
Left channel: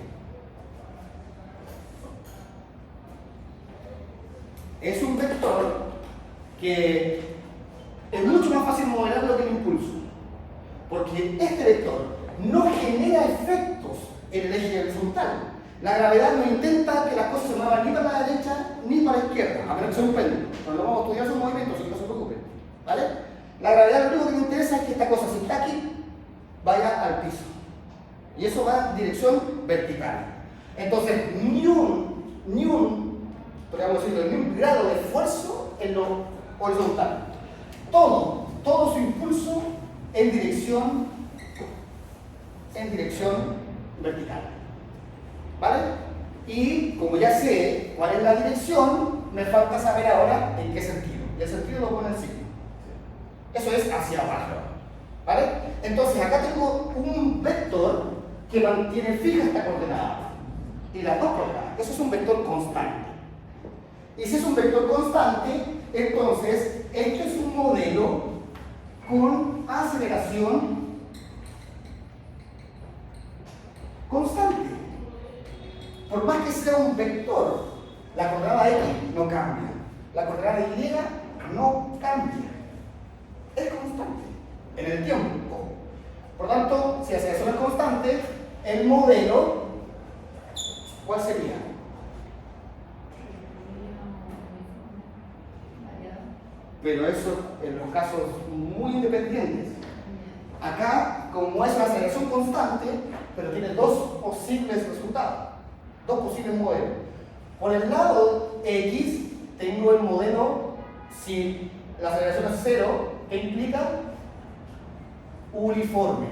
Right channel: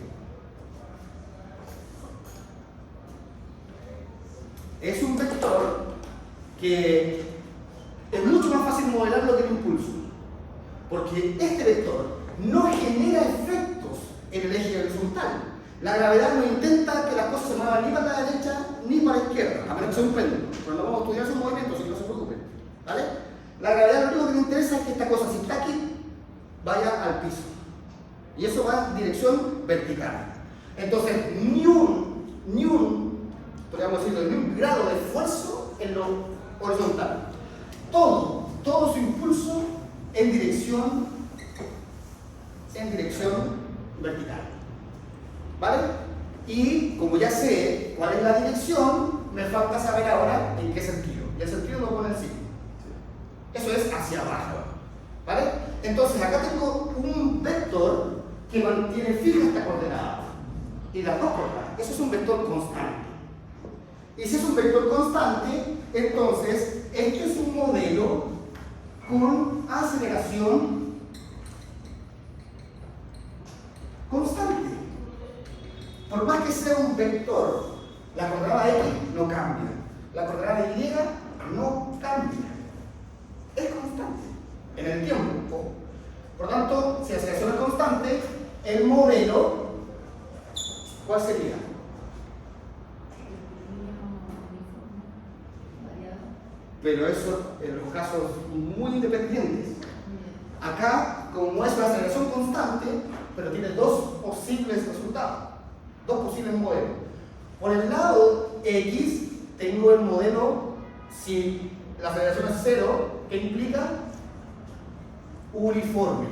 Es un vector que es mucho más fácil modelarlo que el impulso, porque este vector no genera efectos en el eje horizontal. La gravedad no intenta que las cosas se muevan ni para la derecha ni para la izquierda, a menos que sea un péndulo. Cuando vamos a estudiar sus movimientos, así que no se preocupen, ¿vale? La gravedad lo único que le interesa es que esta cosa, si está aquí, vaya al piso. Y eso va en dirección vertical. Entonces, ni un grado de esfuerzo en lo horizontal. Todo su impulso en dirección vertical. ¿Vale? Y como ya sé cuál es la dirección, me falta saber ahora en qué sentido. Y el sentido lo pone el signo. Eso es hacia abajo. ¿Vale? Entonces acá tengo un vector que mantiene fija esta coordenada. Y las dos coordenadas. Eso es un vector constante. Y si es un vector constante, entonces esto es un modelo con aceleración constante. Por más que sea un vector, la coordenada X no cambia. La coordenada Y no cambia. Es constante en el tiempo. Por tanto, si la aceleración es constante, el modelo, ¿cuál sería? Pero eso en los casos muy independientes. Acá, como es una aceleración constante, pero tiene dos posibles resultados, dos posibles modelos. Por el lado X, tengo el modelo, si la aceleración es 0, ¿qué implica? Uniforme.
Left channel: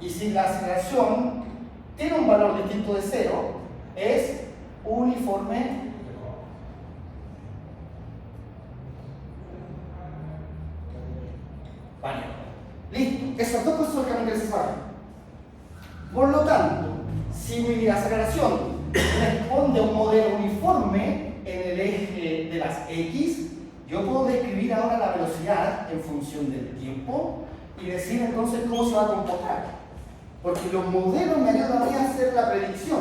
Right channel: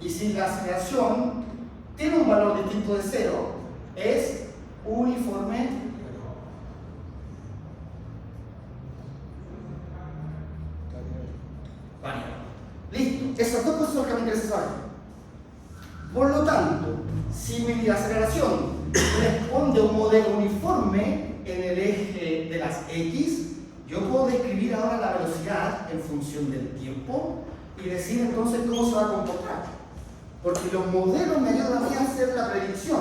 Y si la aceleración tiene un valor distinto de 0, es uniforme. Vale. Listo. Esas dos cosas son las que me interesa saber. Por lo tanto, si mi aceleración responde a un modelo uniforme en el eje de las X, yo puedo describir ahora la velocidad en función del tiempo y decir entonces cómo se va a comportar. Porque los modelos me ayudan a mí a hacer la predicción.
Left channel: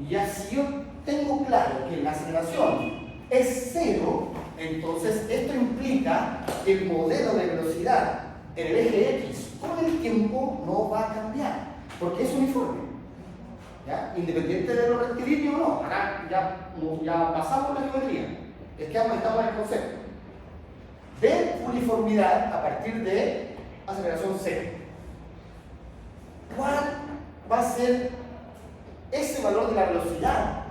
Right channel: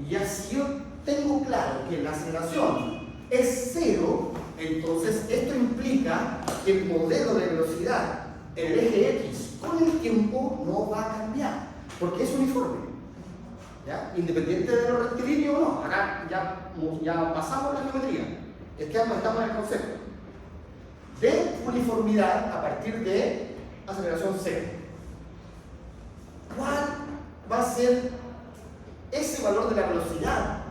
Y ya si yo tengo claro que la aceleración es cero, entonces esto implica que el modelo de velocidad en el eje X con el tiempo no va a cambiar, porque es uniforme, ¿ya? Independiente de lo rectilíneo o no. Acá ya pasamos la geometría, es que aumentamos el concepto de uniformidad a partir de aceleración cero. ¿Cuál va a ser ese valor de la velocidad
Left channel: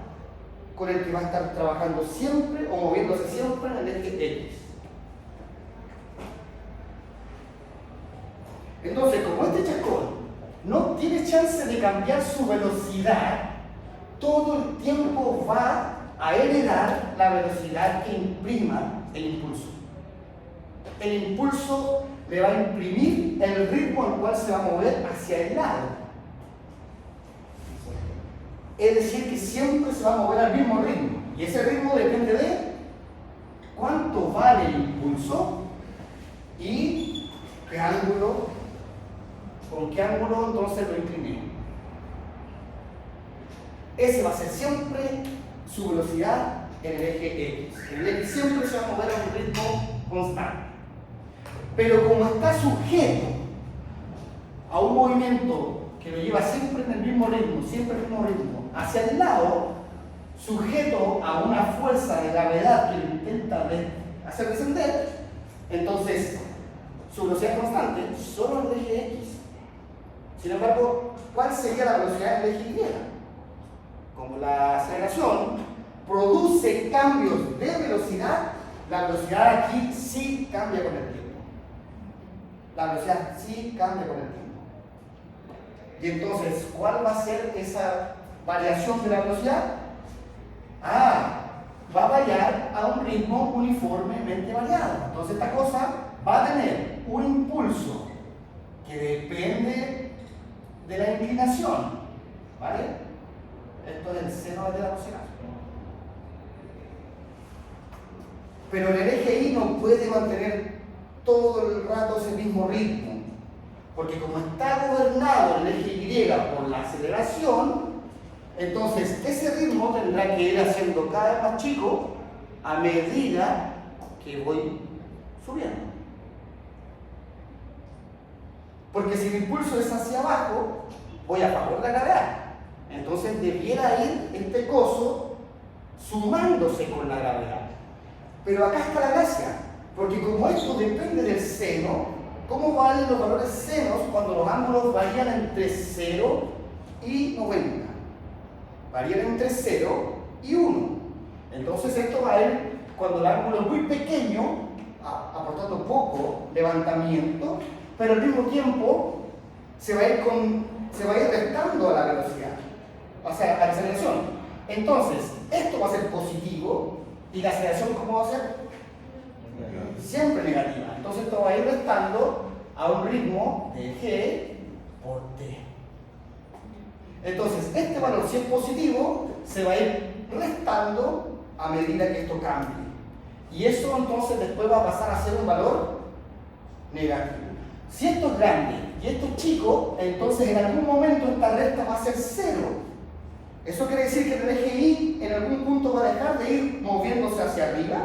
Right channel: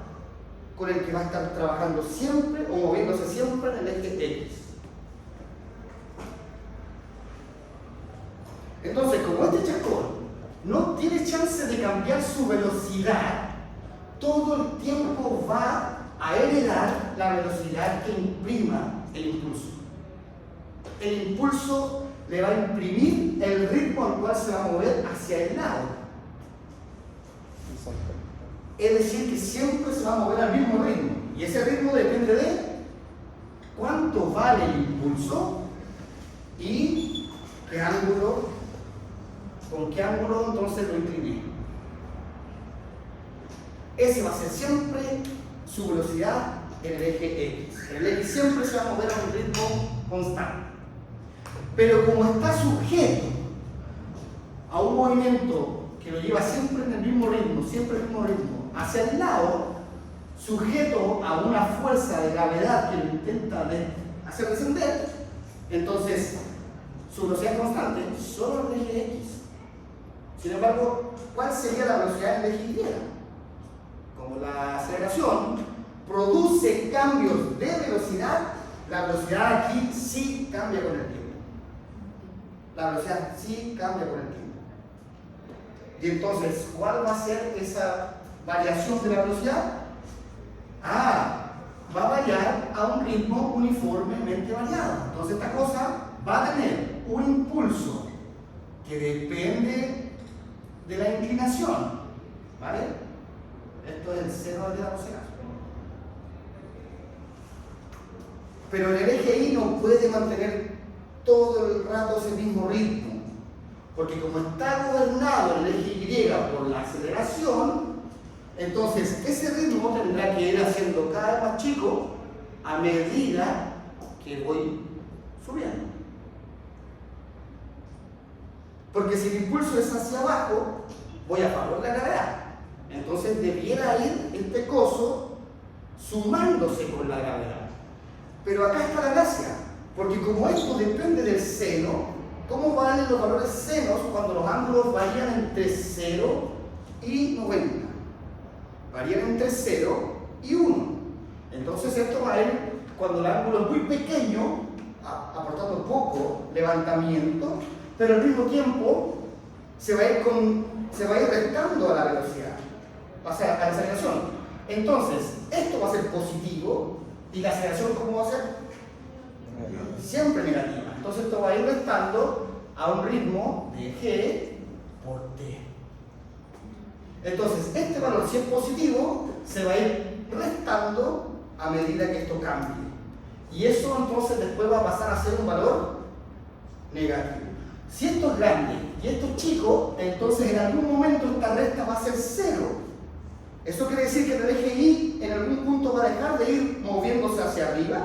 con el que va a estar trabajando siempre o moviéndose siempre en el eje X? Entonces, como este chascón no tiene chance de cambiar su velocidad, todo el tiempo va a heredar la velocidad que imprima el impulso. El impulso le va a imprimir el ritmo al cual se va a mover hacia el lado. Es decir, que siempre se va a mover al mismo ritmo. Y ese ritmo depende de cuánto vale el impulso y qué ángulo, con qué ángulo entonces lo incliné. Ese va a ser siempre su velocidad en el eje X. En el X siempre se va a mover a un ritmo constante. Pero como está sujeto a un movimiento que lo lleva siempre en el mismo ritmo, hacia el lado, sujeto a una fuerza de gravedad que lo intenta hacer descender, entonces su velocidad constante solo en el eje X. Sin embargo, ¿cuál sería la velocidad en el eje Y? Como la aceleración produce cambios de velocidad, la velocidad aquí sí cambia con el tiempo. La velocidad sí cambia con el tiempo. Y entonces, ¿cuál va a ser esa variación de la velocidad? Va a variar a un ritmo uniformemente variado. Entonces esta cosa va a tener un impulso que depende de la inclinación, ¿vale? Esto es el seno de la velocidad. Pero el eje Y no puede mantener todo el rato ese mismo ritmo, porque como está gobernado el eje Y por la aceleración, entonces ese ritmo tendrá que ir haciendo cada vez más chico a medida que voy subiendo. Porque si el impulso es hacia abajo, voy a favor de la gravedad. Entonces debiera ir este coso sumándose con la gravedad. Pero acá está la gracia, porque como esto depende del seno, ¿cómo valen los valores senos cuando los ángulos varían entre 0 y 90? Varían entre 0 y 1. Entonces esto va a ir, cuando el ángulo es muy pequeño, aportando poco levantamiento, pero al mismo tiempo se va a ir restando a la velocidad, o sea, a la aceleración. Entonces, esto va a ser positivo y la aceleración, ¿cómo va a ser? Siempre negativa. Entonces esto va a ir restando a un ritmo de G por T. Entonces, este valor, si es positivo, se va a ir restando a medida que esto cambie. Y eso entonces después va a pasar a ser un valor negativo. Si esto es grande y esto es chico, entonces en algún momento esta recta va a ser 0. Eso quiere decir que el eje Y en algún punto va a dejar de ir moviéndose hacia arriba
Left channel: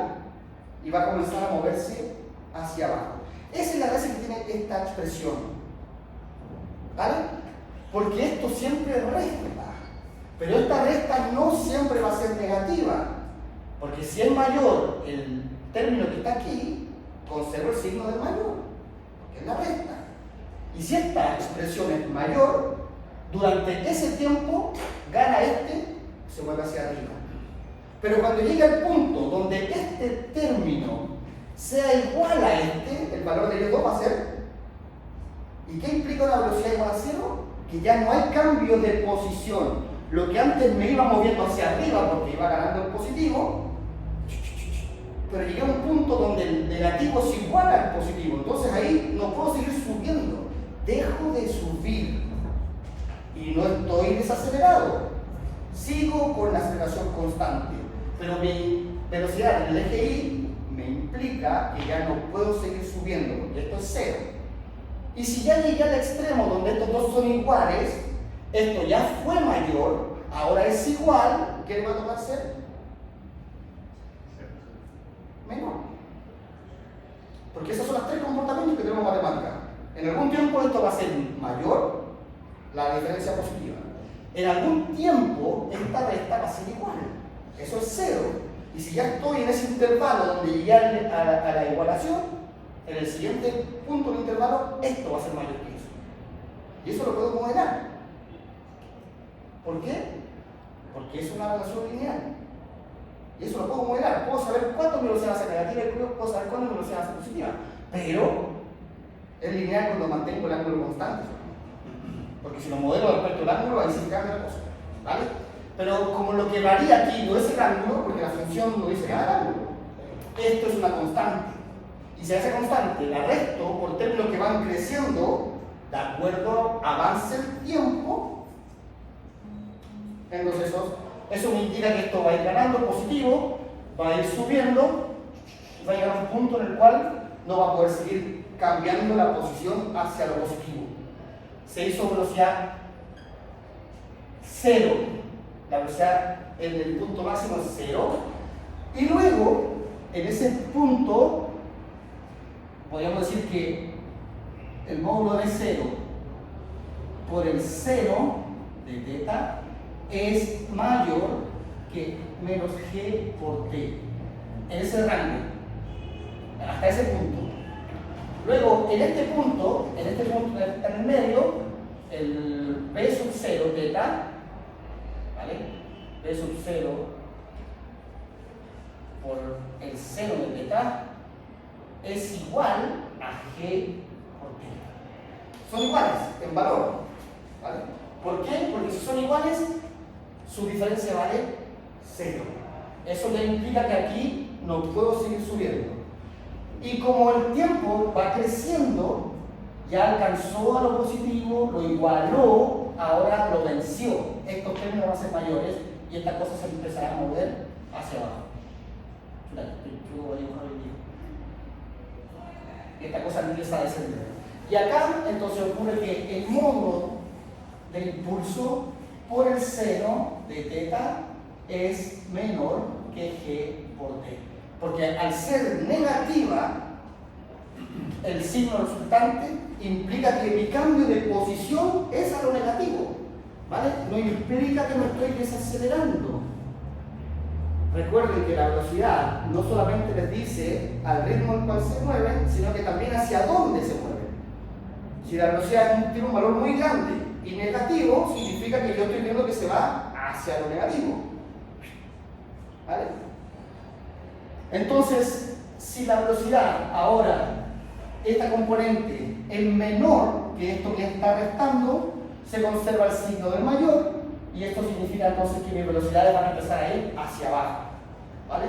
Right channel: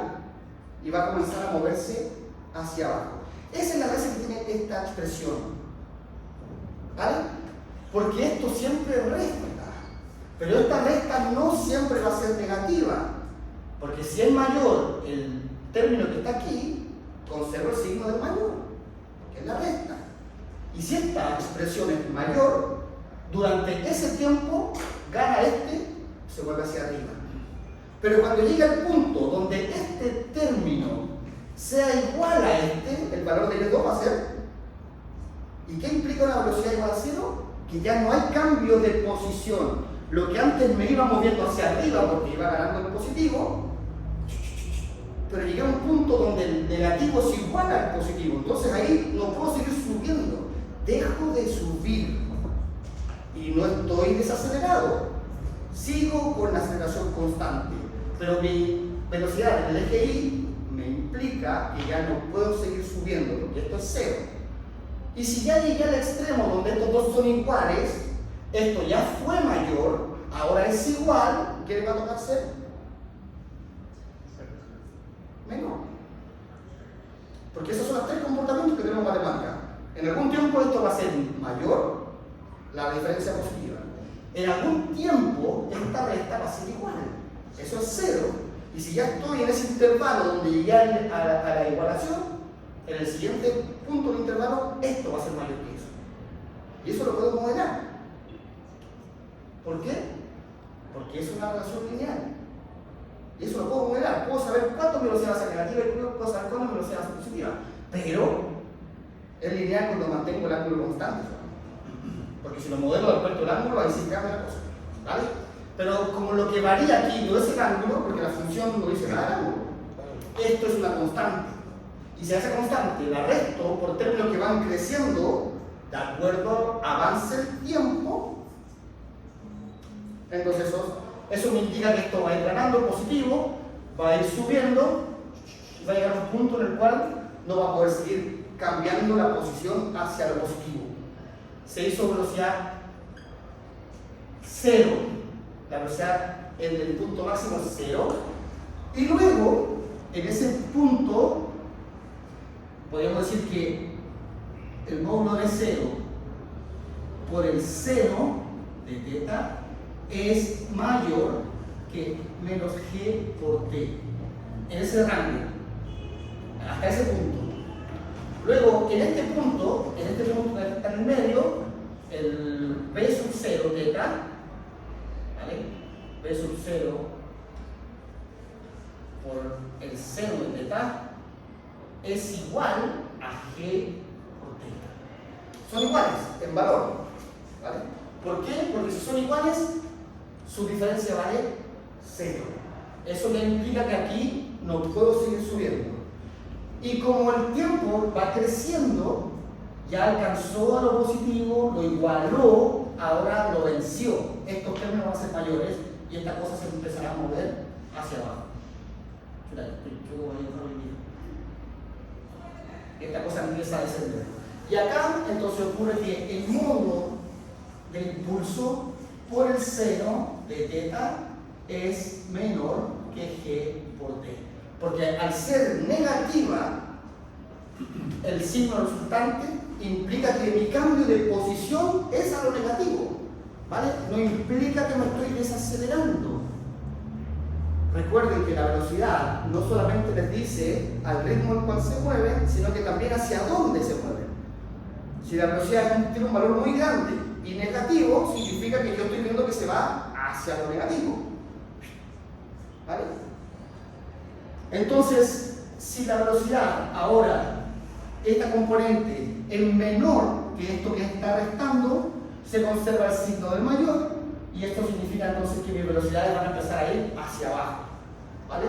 y va a comenzar a moverse hacia abajo. Esa es la gracia que tiene esta expresión, ¿vale? Porque esto siempre resta, pero esta resta no siempre va a ser negativa, porque si es mayor el término que está aquí, conserva el signo del mayor, porque es la resta. Y si esta expresión es mayor, durante ese tiempo gana se vuelve hacia arriba. Pero cuando llega el punto donde este término sea igual a el valor de Y2 va a ser, ¿y qué implica una velocidad igual a 0? Que ya no hay cambio de posición. Lo que antes me iba moviendo hacia arriba porque iba ganando el positivo, pero llegué a un punto donde el negativo es igual al positivo. Entonces ahí no puedo seguir subiendo, dejo de subir y no estoy desacelerado. Sigo con la aceleración constante, pero mi velocidad en el eje Y me implica que ya no puedo seguir subiendo, porque esto es 0. Y si ya llegué al extremo donde estos dos son iguales, esto ya fue mayor, ahora es igual, ¿qué le va a tocar ser? Menor. Porque esos son los tres comportamientos que tenemos en matemática. En algún tiempo esto va a ser mayor, la diferencia positiva. En algún tiempo esta resta va a ser igual. Eso es cero. Y si ya estoy en ese intervalo donde llegué a la igualación, en el siguiente punto del intervalo, esto va a ser mayor que eso. Y eso lo puedo modelar. ¿Por qué? Porque es una relación lineal. Y eso lo puedo modelar. Puedo saber cuánto mi velocidad va a ser negativa y puedo saber cuándo mi velocidad va a ser positiva. Pero es lineal cuando mantengo el ángulo constante. Porque si lo modelo respecto al ángulo, ahí sí cambia la cosa. ¿Vale? Pero como lo que varía aquí no es el ángulo, porque la función no dice nada del ángulo, esto es una constante. Y si a esa constante la resto por términos que van creciendo, de acuerdo avance el tiempo, entonces eso me indica que esto va a ir ganando positivo, va a ir subiendo, y va a llegar a un punto en el cual no va a poder seguir cambiando la posición hacia lo positivo. Se hizo velocidad cero. La velocidad en el punto máximo es cero. Y luego, en ese punto, podríamos decir que el módulo de cero por el seno de teta es mayor que menos g por t. En ese rango. Hasta ese punto. Luego, en este punto que está en el medio, el b sub 0 teta, ¿vale? B sub 0 por el seno de teta es igual a g por teta. Son iguales en valor, ¿vale? ¿Por qué? Porque si son iguales, su diferencia vale 0. Eso le implica que aquí no puedo seguir subiendo. Y como el tiempo va creciendo, ya alcanzó a lo positivo, lo igualó, ahora lo venció. Estos términos van a ser mayores y esta cosa se empezará a mover hacia abajo. Esta cosa empieza a descender. Y acá entonces ocurre que el módulo del impulso por el seno de teta es menor que g por t. Porque al ser negativa, el signo resultante implica que mi cambio de posición es a lo negativo, ¿vale? No implica que me estoy desacelerando. Recuerden que la velocidad no solamente les dice al ritmo al cual se mueven, sino que también hacia dónde se mueven. Si la velocidad tiene un valor muy grande y negativo, significa que yo estoy viendo que se va hacia lo negativo, ¿vale? Entonces, si la velocidad ahora, esta componente es menor que esto que está restando, se conserva el signo del mayor y esto significa entonces que mis velocidades van a empezar a ir hacia abajo, ¿vale?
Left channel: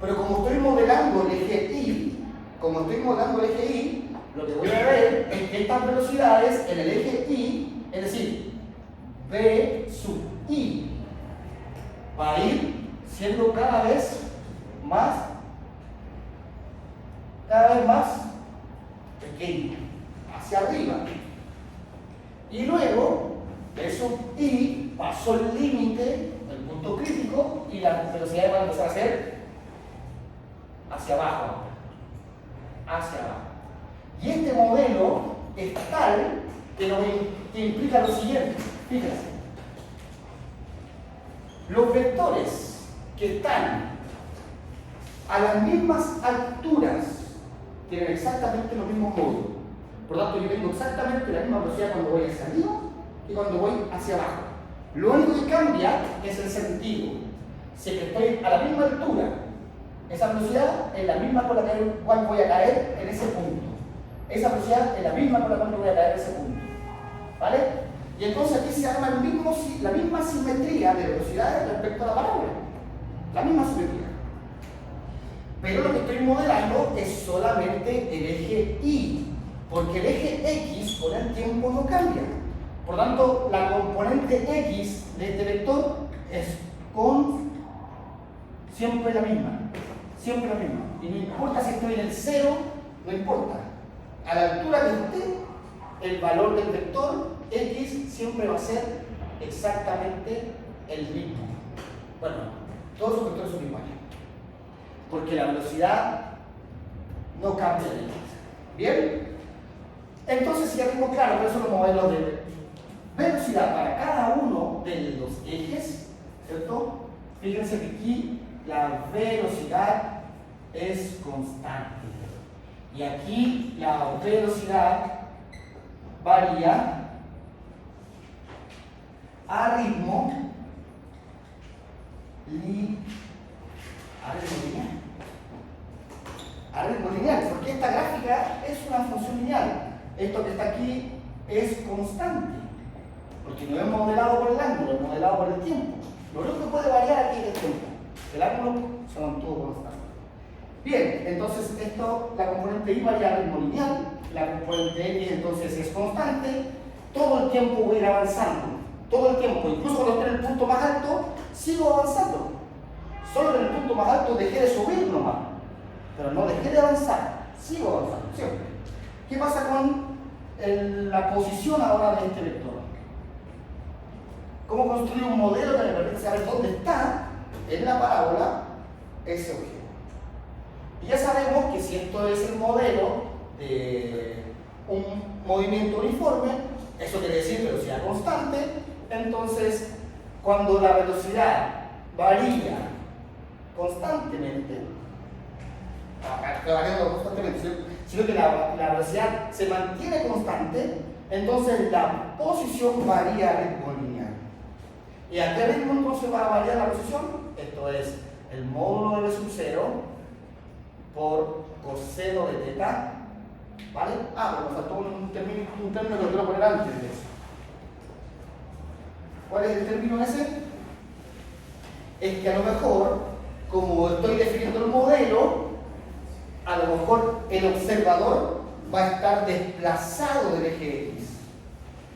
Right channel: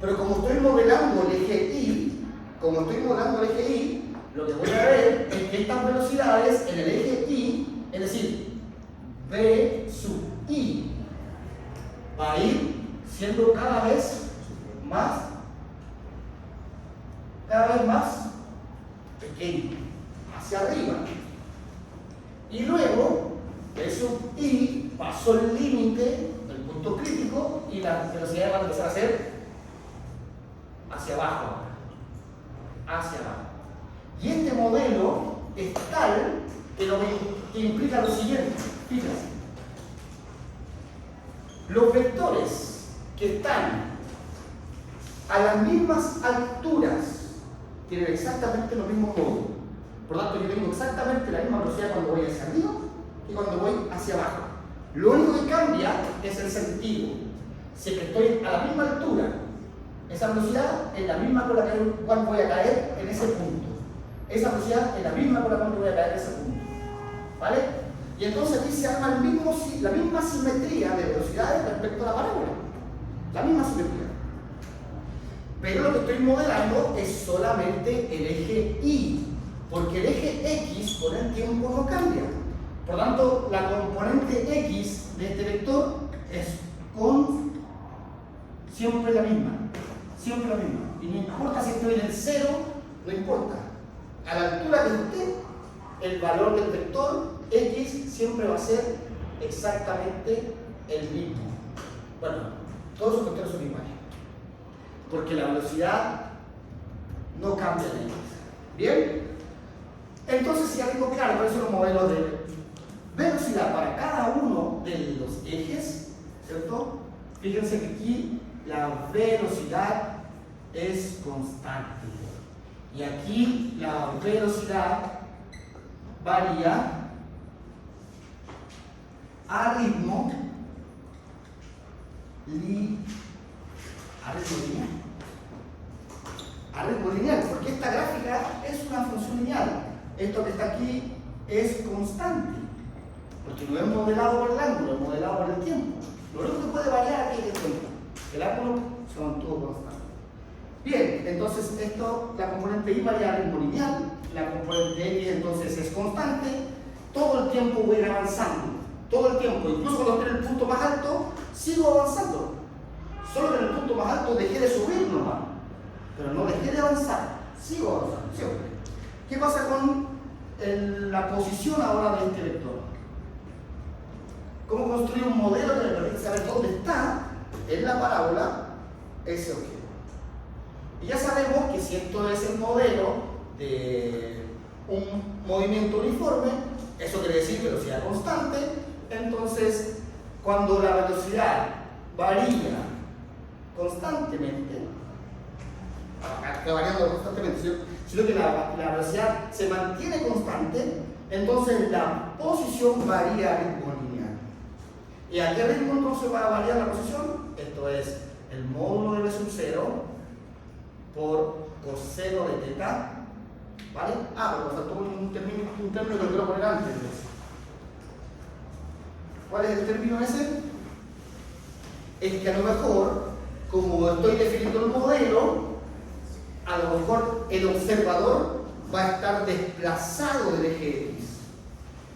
Pero como estoy modelando el eje Y, lo que voy a ver es que estas velocidades en el eje Y, es decir, B sub I, va a ir siendo cada vez más pequeño, hacia arriba. Y luego, B sub I pasó el límite, el punto crítico, y las velocidades van a empezar a ser hacia abajo, hacia abajo. Y este modelo es tal que implica lo siguiente, fíjense. Los vectores que están a las mismas alturas tienen exactamente los mismos módulos. Por lo tanto, yo tengo exactamente la misma velocidad cuando voy hacia arriba y cuando voy hacia abajo. Lo único que cambia es el sentido. Si es que estoy a la misma altura, esa velocidad es la misma con la cual voy a caer en ese punto. Esa velocidad es la misma con la cual voy a caer en ese punto. ¿Vale? Y entonces aquí se arma la misma simetría de velocidades respecto a la parábola. La misma simetría. Pero lo que estoy modelando es solamente el eje Y, porque el eje X con el tiempo no cambia. Por lo tanto, la componente X de este vector es siempre la misma. Siempre la misma. Y no importa si estoy en el 0, no importa. A la altura que esté, el valor del vector x siempre va a ser exactamente el mismo. Bueno, todos esos vectores son iguales, porque la velocidad no cambia en x. ¿Bien? Entonces, si ya tengo claro cuáles son los modelos de velocidad para cada uno de los ejes, ¿cierto? Fíjense que aquí la velocidad es constante. Y aquí la velocidad varía a ritmo lineal. A ritmo lineal, porque esta gráfica es una función lineal. Esto que está aquí es constante, porque no es modelado por el ángulo, es modelado por el tiempo. Lo único que puede variar aquí es el tiempo. El ángulo se mantuvo constante. Bien, entonces esto, la componente y varía a ritmo lineal, la componente x entonces es constante, todo el tiempo voy a ir avanzando, todo el tiempo, incluso cuando esté en el punto más alto, sigo avanzando. Solo en el punto más alto dejé de subir nomás, pero no dejé de avanzar, sigo avanzando siempre. ¿Qué pasa con la posición ahora de este vector? ¿Cómo construir un modelo que me permite saber dónde está en la parábola ese objeto? Y ya sabemos que si esto es el modelo de un movimiento uniforme, eso quiere decir velocidad constante, entonces cuando la velocidad varía constantemente, sino que la velocidad se mantiene constante, entonces la posición varía a ritmo lineal. ¿Y a qué ritmo entonces va a variar la posición? Esto es el módulo de B sub 0 por coseno de teta, ¿vale? Pero me faltó un término que quiero poner antes de eso. ¿Cuál es el término ese? Es que a lo mejor, como estoy definiendo el modelo, a lo mejor el observador va a estar desplazado del eje X.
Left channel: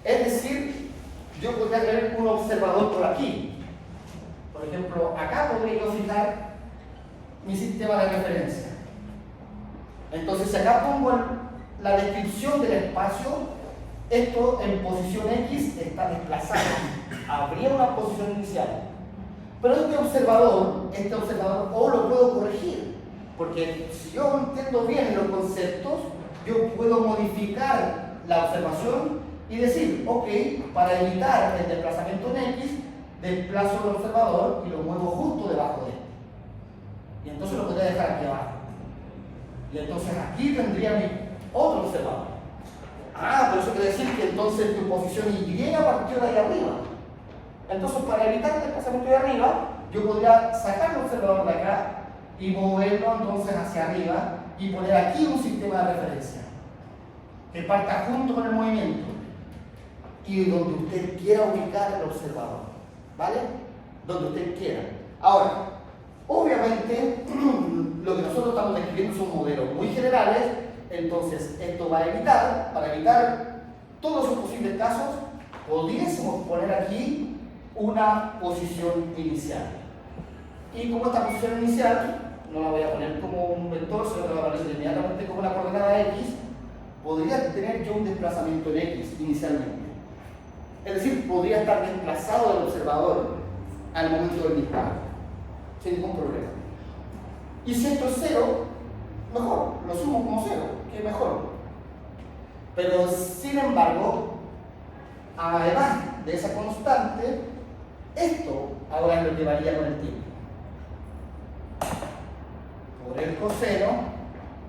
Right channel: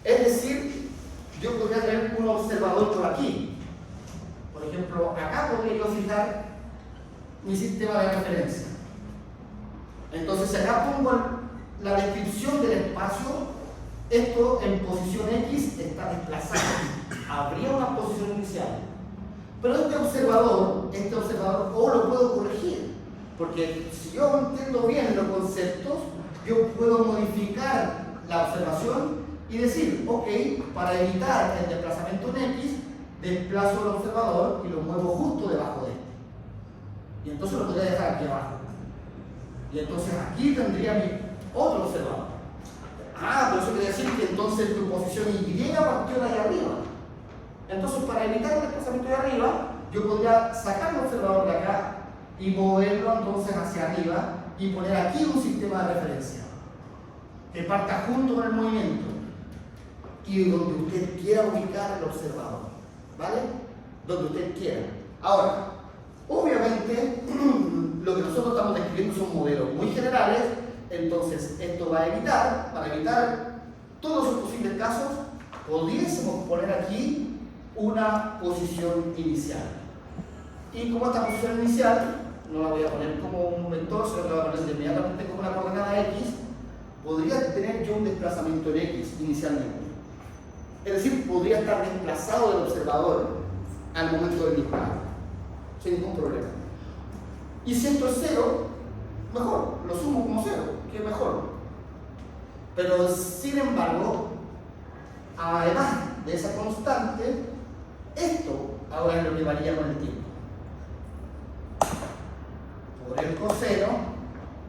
Es decir, yo podría tener un observador por aquí. Por ejemplo, acá podría yo fijar mi sistema de referencia. Entonces, si acá pongo la descripción del espacio, esto en posición X está desplazado. Habría una posición inicial. Pero este observador o lo puedo corregir. Porque si yo entiendo bien los conceptos, yo puedo modificar la observación y decir, ok, para evitar el desplazamiento en X, desplazo el observador y lo muevo justo debajo de este. Y entonces lo podría dejar aquí abajo. Y entonces aquí tendría mi otro observador. Pero eso quiere decir que entonces tu posición Y partió de ahí arriba. Entonces, para evitar el desplazamiento de arriba, yo podría sacar el observador de acá y moverlo entonces hacia arriba y poner aquí un sistema de referencia que parta junto con el movimiento y donde usted quiera ubicar el observador, ¿vale? Donde usted quiera. Ahora, obviamente, lo que nosotros estamos describiendo son modelos muy generales, entonces esto va a evitar, para evitar todos esos posibles casos, pudiésemos poner aquí una posición inicial. Y como esta posición inicial no la voy a poner como un vector, sino que la voy a poner inmediatamente como una coordenada X, podría tener yo un desplazamiento en X inicialmente. Es decir, podría estar desplazado del observador al momento del disparo, sin ningún problema. Y si esto es 0, mejor, lo sumo como 0, que es mejor. Pero sin embargo, además de esa constante, esto ahora es lo que varía con el tiempo. Por el coseno,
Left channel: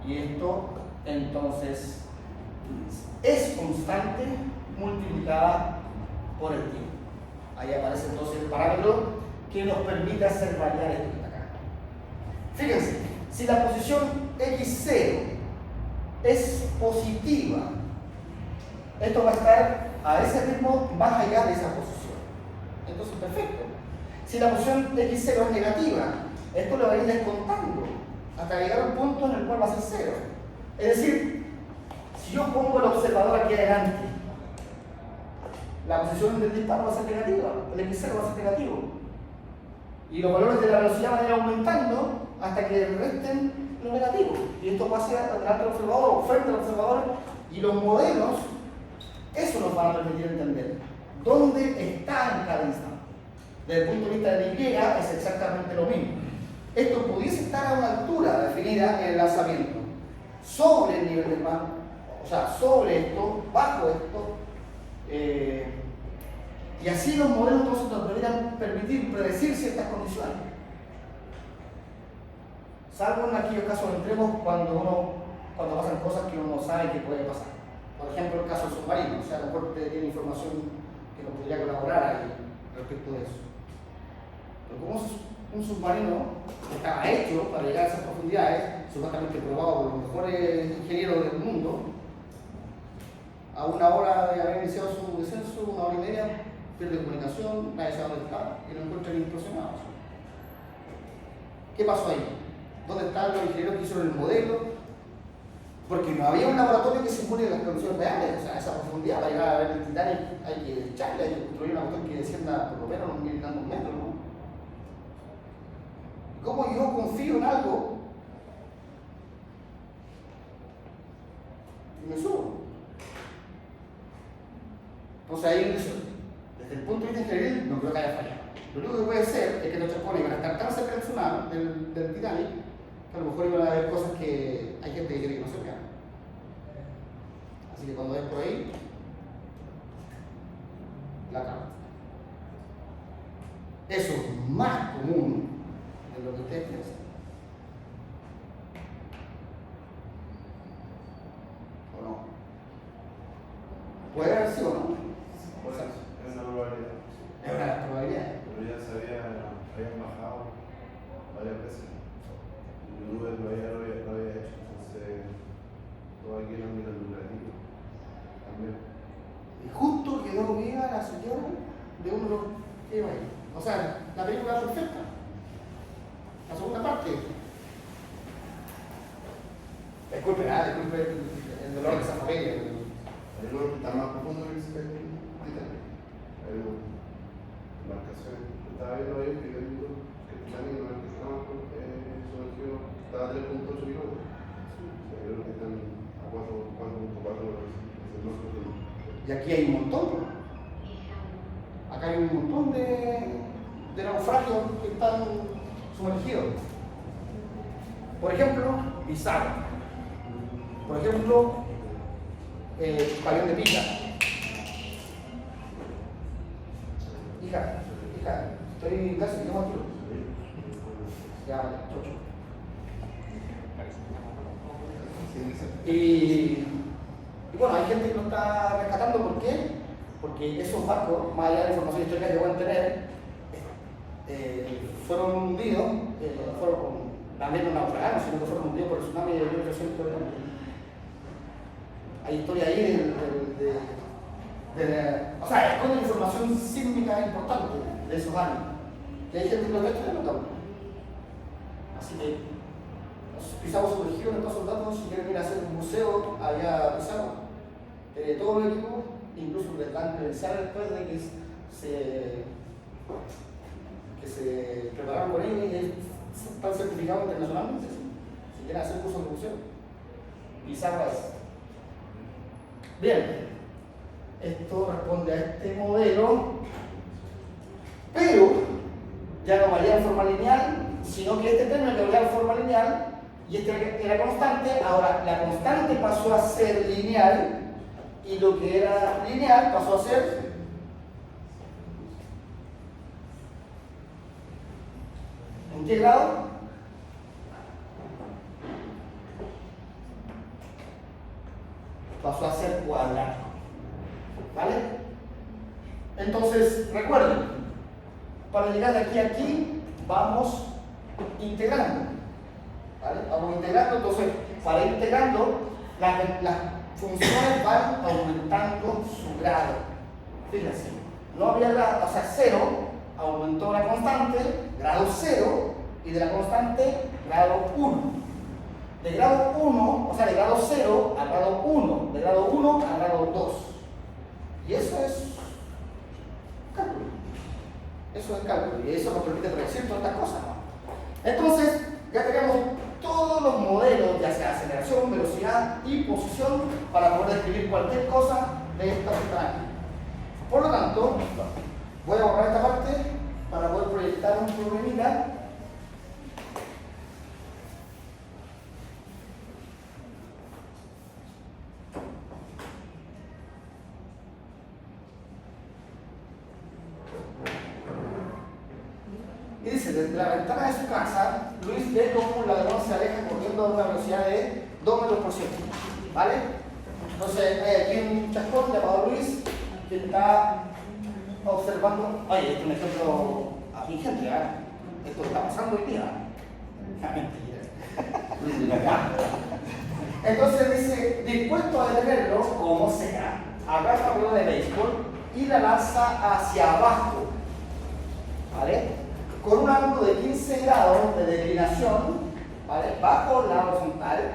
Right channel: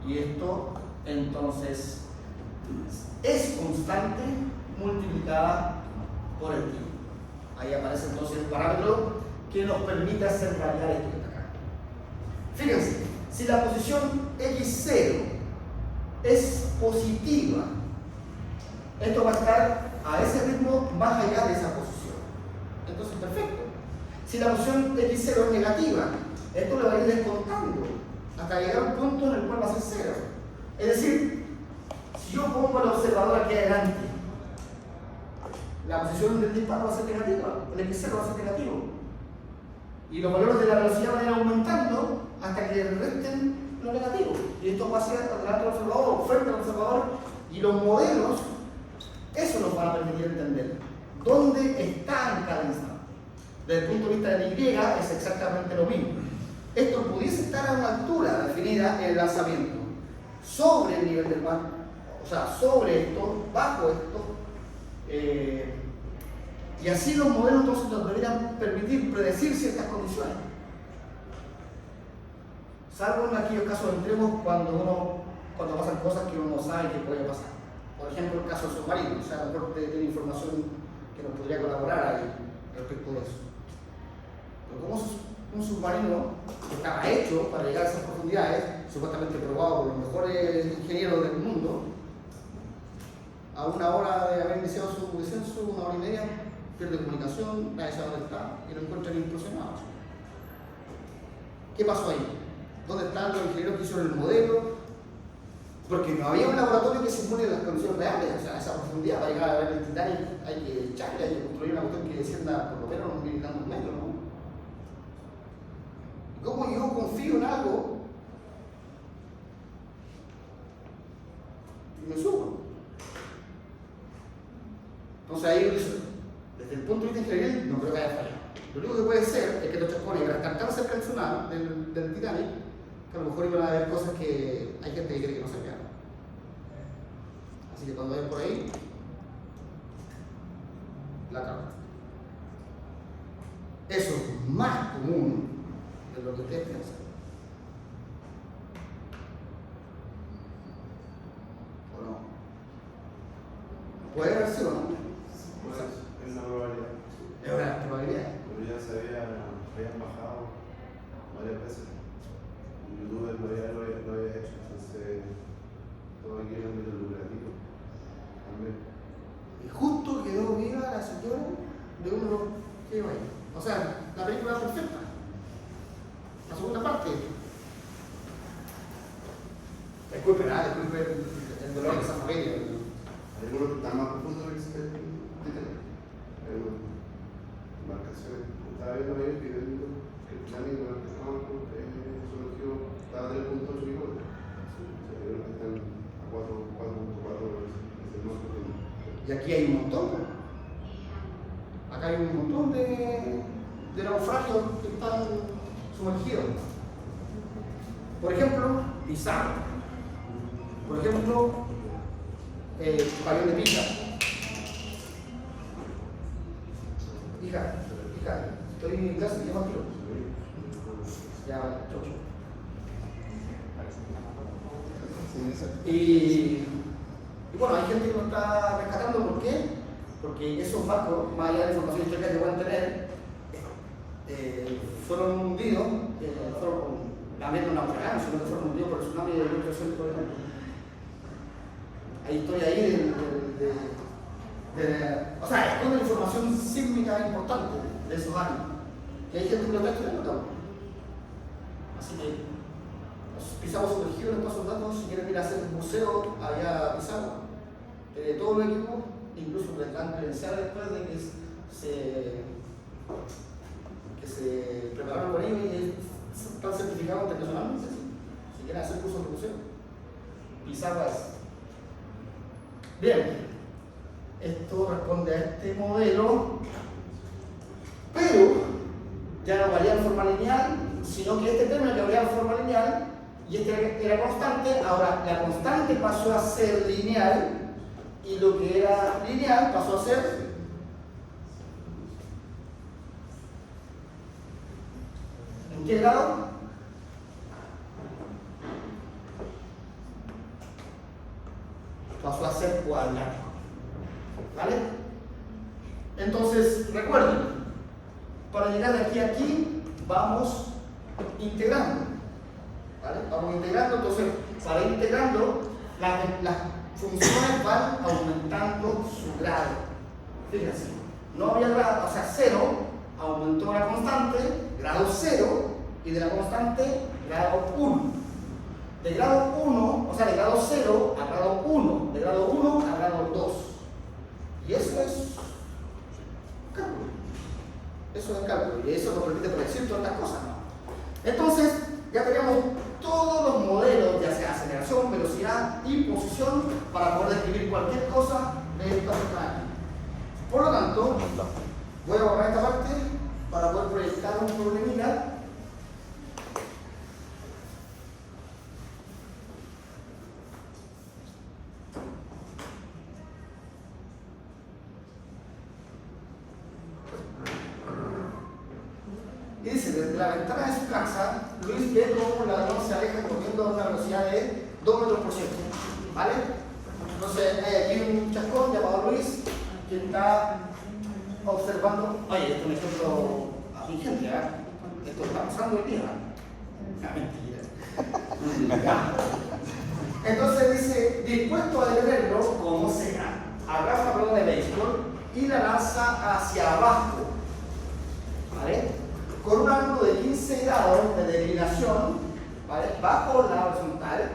y esto entonces es constante multiplicada por el tiempo. Ahí aparece entonces el parámetro que nos permite hacer variar esto que está acá. Fíjense, si la posición x0 es positiva, esto va a estar a ese ritmo más allá de esa posición. Entonces, perfecto. Si la posición x0 es negativa, esto lo va a ir descontando hasta llegar a un punto en el cual va a ser 0. Es decir, si yo pongo el observador aquí adelante, la posición del disparo va a ser negativa, el x0 va a ser negativo. Y los valores de la velocidad van a ir aumentando hasta que resten lo negativo. Y esto va hacia adelante del observador o frente al observador, y los modelos Eso nos va a permitir entender dónde está en cada instante. Desde el punto de vista del Y es exactamente lo mismo. Esto pudiese estar a una altura definida en el lanzamiento, sobre el nivel del mar, o sea, sobre esto, bajo esto, y así los modelos entonces nos deberían permitir predecir ciertas condiciones. Salvo en aquellos casos extremos cuando pasan cosas que uno no sabe que puede pasar. Por ejemplo, el caso del submarino, o sea, a lo mejor tiene información que nos podría colaborar ahí respecto de eso. Pero como un submarino que estaba hecho para llegar a esas profundidades, supuestamente probado por los mejores ingenieros del mundo, a una hora de haber iniciado su descenso, 1 hora y media, pierde comunicación, nadie sabe dónde está y lo encuentran implosionados. ¿Qué pasó ahí? ¿Dónde están los ingenieros que hicieron el modelo? Porque no había un laboratorio que simule las condiciones reales, o sea, a esa profundidad para llegar a ver el Titanic hay que echarle, hay que construir una cuestión que descienda por lo menos unos 1000 y tantos metros, ¿no? ¿Cómo yo confío en algo y me subo? Entonces ahí desde el punto de vista ingenieril no creo que haya fallado. Lo único que puede ser es que los chapones iban a estar tan cerca del tsunami, del Titanic, que a lo mejor iban a haber cosas que hay gente que cree que no se vean. Así que cuando vayan por ahí, la cámara. Eso es más común de lo que ustedes piensan. ¿O no? Puede haber sido, ¿no? Es una probabilidad. Es una probabilidad. Pero ya habían bajado varias veces. YouTuber lo había hecho, entonces todo aquí en el ámbito lucrativo también. Y justo quedó viva la señora de uno que iba ahí. O sea, la película era perfecta. La segunda parte. Disculpe el dolor de esa familia. Hay uno que está más profundo que el Titanic. Hay embarcaciones. Estaba viendo ahí que el Titanic sumergió, estaba a 3.8 kilómetros. Yo creo que están a 4.4 veces más profundo. Y aquí hay un montón. Acá hay un montón de naufragios que están sumergidos. Por ejemplo, Pizarro. Por ejemplo, Pabellón de Pisa. Hija, estoy en casa, ¿qué más quiero? Ya, chocho. Y bueno, hay gente que lo está rescatando, ¿por qué? Porque esos barcos, más allá de la información histórica que pueden tener, fueron hundidos, también no naufragaron, sino que fueron hundidos por el tsunami de 1300. Hay historia ahí o sea, esconde información sísmica importante de esos años. Y hay gente que lo está estudiando. Así que Pizarro sumergió en todos esos datos. Si quieren ir a hacer un museo, había Pizarro. Todo el equipo, incluso les dan credencial después de que se prepararon con ellos y están certificados internacionalmente. Si quieren hacer cursos de museo, Pizarro es. Bien, esto responde a este modelo, pero ya no varía en forma lineal, sino que este término que varía en forma lineal y este era constante, ahora la constante pasó a ser lineal y lo que era lineal pasó a ser ¿en qué grado? Pasó a ser cuadrático. ¿Vale? Entonces, recuerden, para llegar de aquí a aquí, vamos integrando. ¿Vale? Vamos integrando, entonces, para ir integrando, las funciones van aumentando su grado. Fíjense, no había grado, o sea, 0, aumentó la constante, grado 0, y de la constante, grado 1. De grado 1, o sea, de grado 0 a grado 1, de grado 1 a grado 2. Y eso es cálculo. Eso es cálculo. Y eso nos permite predecir todas estas cosas, ¿no? Entonces, ya tenemos todos los modelos, ya sea aceleración, velocidad y posición, para poder describir cualquier cosa de esta ventana aquí. Por lo tanto, voy a borrar esta parte para poder proyectar un problemita. Y dice, desde la ventana de su casa, Luis ve cómo un ladrón se aleja corriendo a una velocidad de 2 metros por segundo. ¿Vale? Entonces hay aquí un chascón llamado Luis que está observando. Oye, esto es un ejemplo atingente, ¿eh? Esto está pasando hoy día. Mentira. Entonces dice, dispuesto a detenerlo, como sea, agarra la pelota de béisbol y la lanza hacia abajo. ¿Vale? Con un ángulo de 15 grados de declinación, ¿vale? Bajo la horizontal,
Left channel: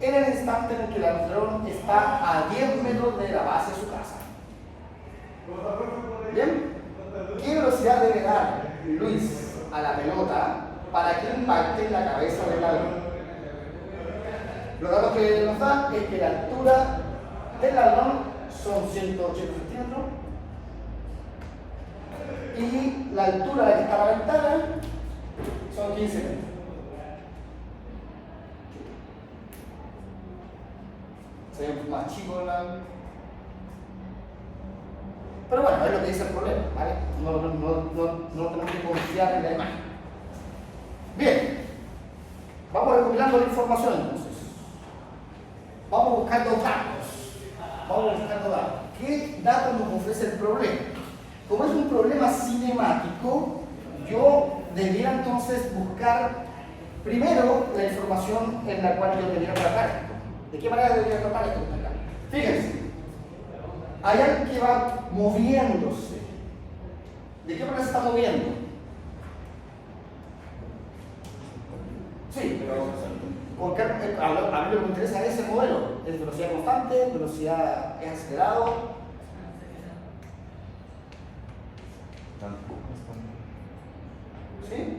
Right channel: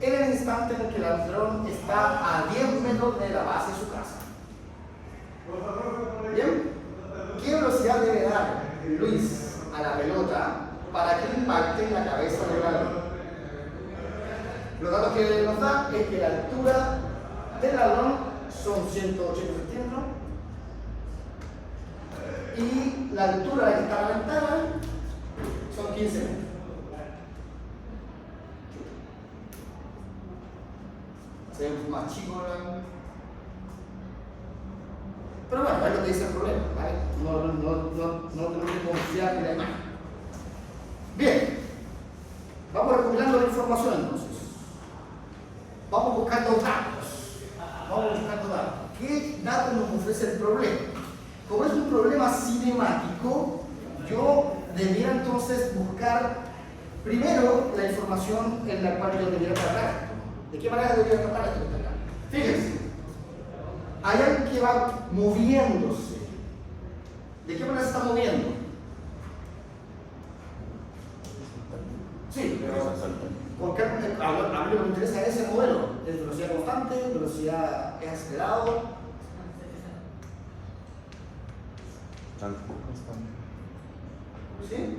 en el instante en el que el ladrón está a 10 metros de la base de su casa. ¿Bien? ¿Qué velocidad debe dar Luis a la pelota para que impacte en la cabeza del ladrón? Los datos que nos dan es que la altura del ladrón son 180 centímetros y la altura a la que está la ventana son 15 metros. Sería más chico la... Pero bueno, es lo que dice el problema, ¿vale? No tenemos que confiar en la imagen. Bien, vamos recopilando la información entonces. Vamos buscando datos. ¿Qué datos nos ofrece el problema? Como es un problema cinemático, yo debiera entonces buscar primero la información en la cual yo debiera tratar. ¿De qué manera debería tratar esto? Fíjense, hay algo que va moviéndose. ¿De qué manera se está moviendo? Sí, pero porque a mí lo que me interesa es el modelo. ¿Es velocidad constante? ¿Velocidad es acelerado? ¿Sí?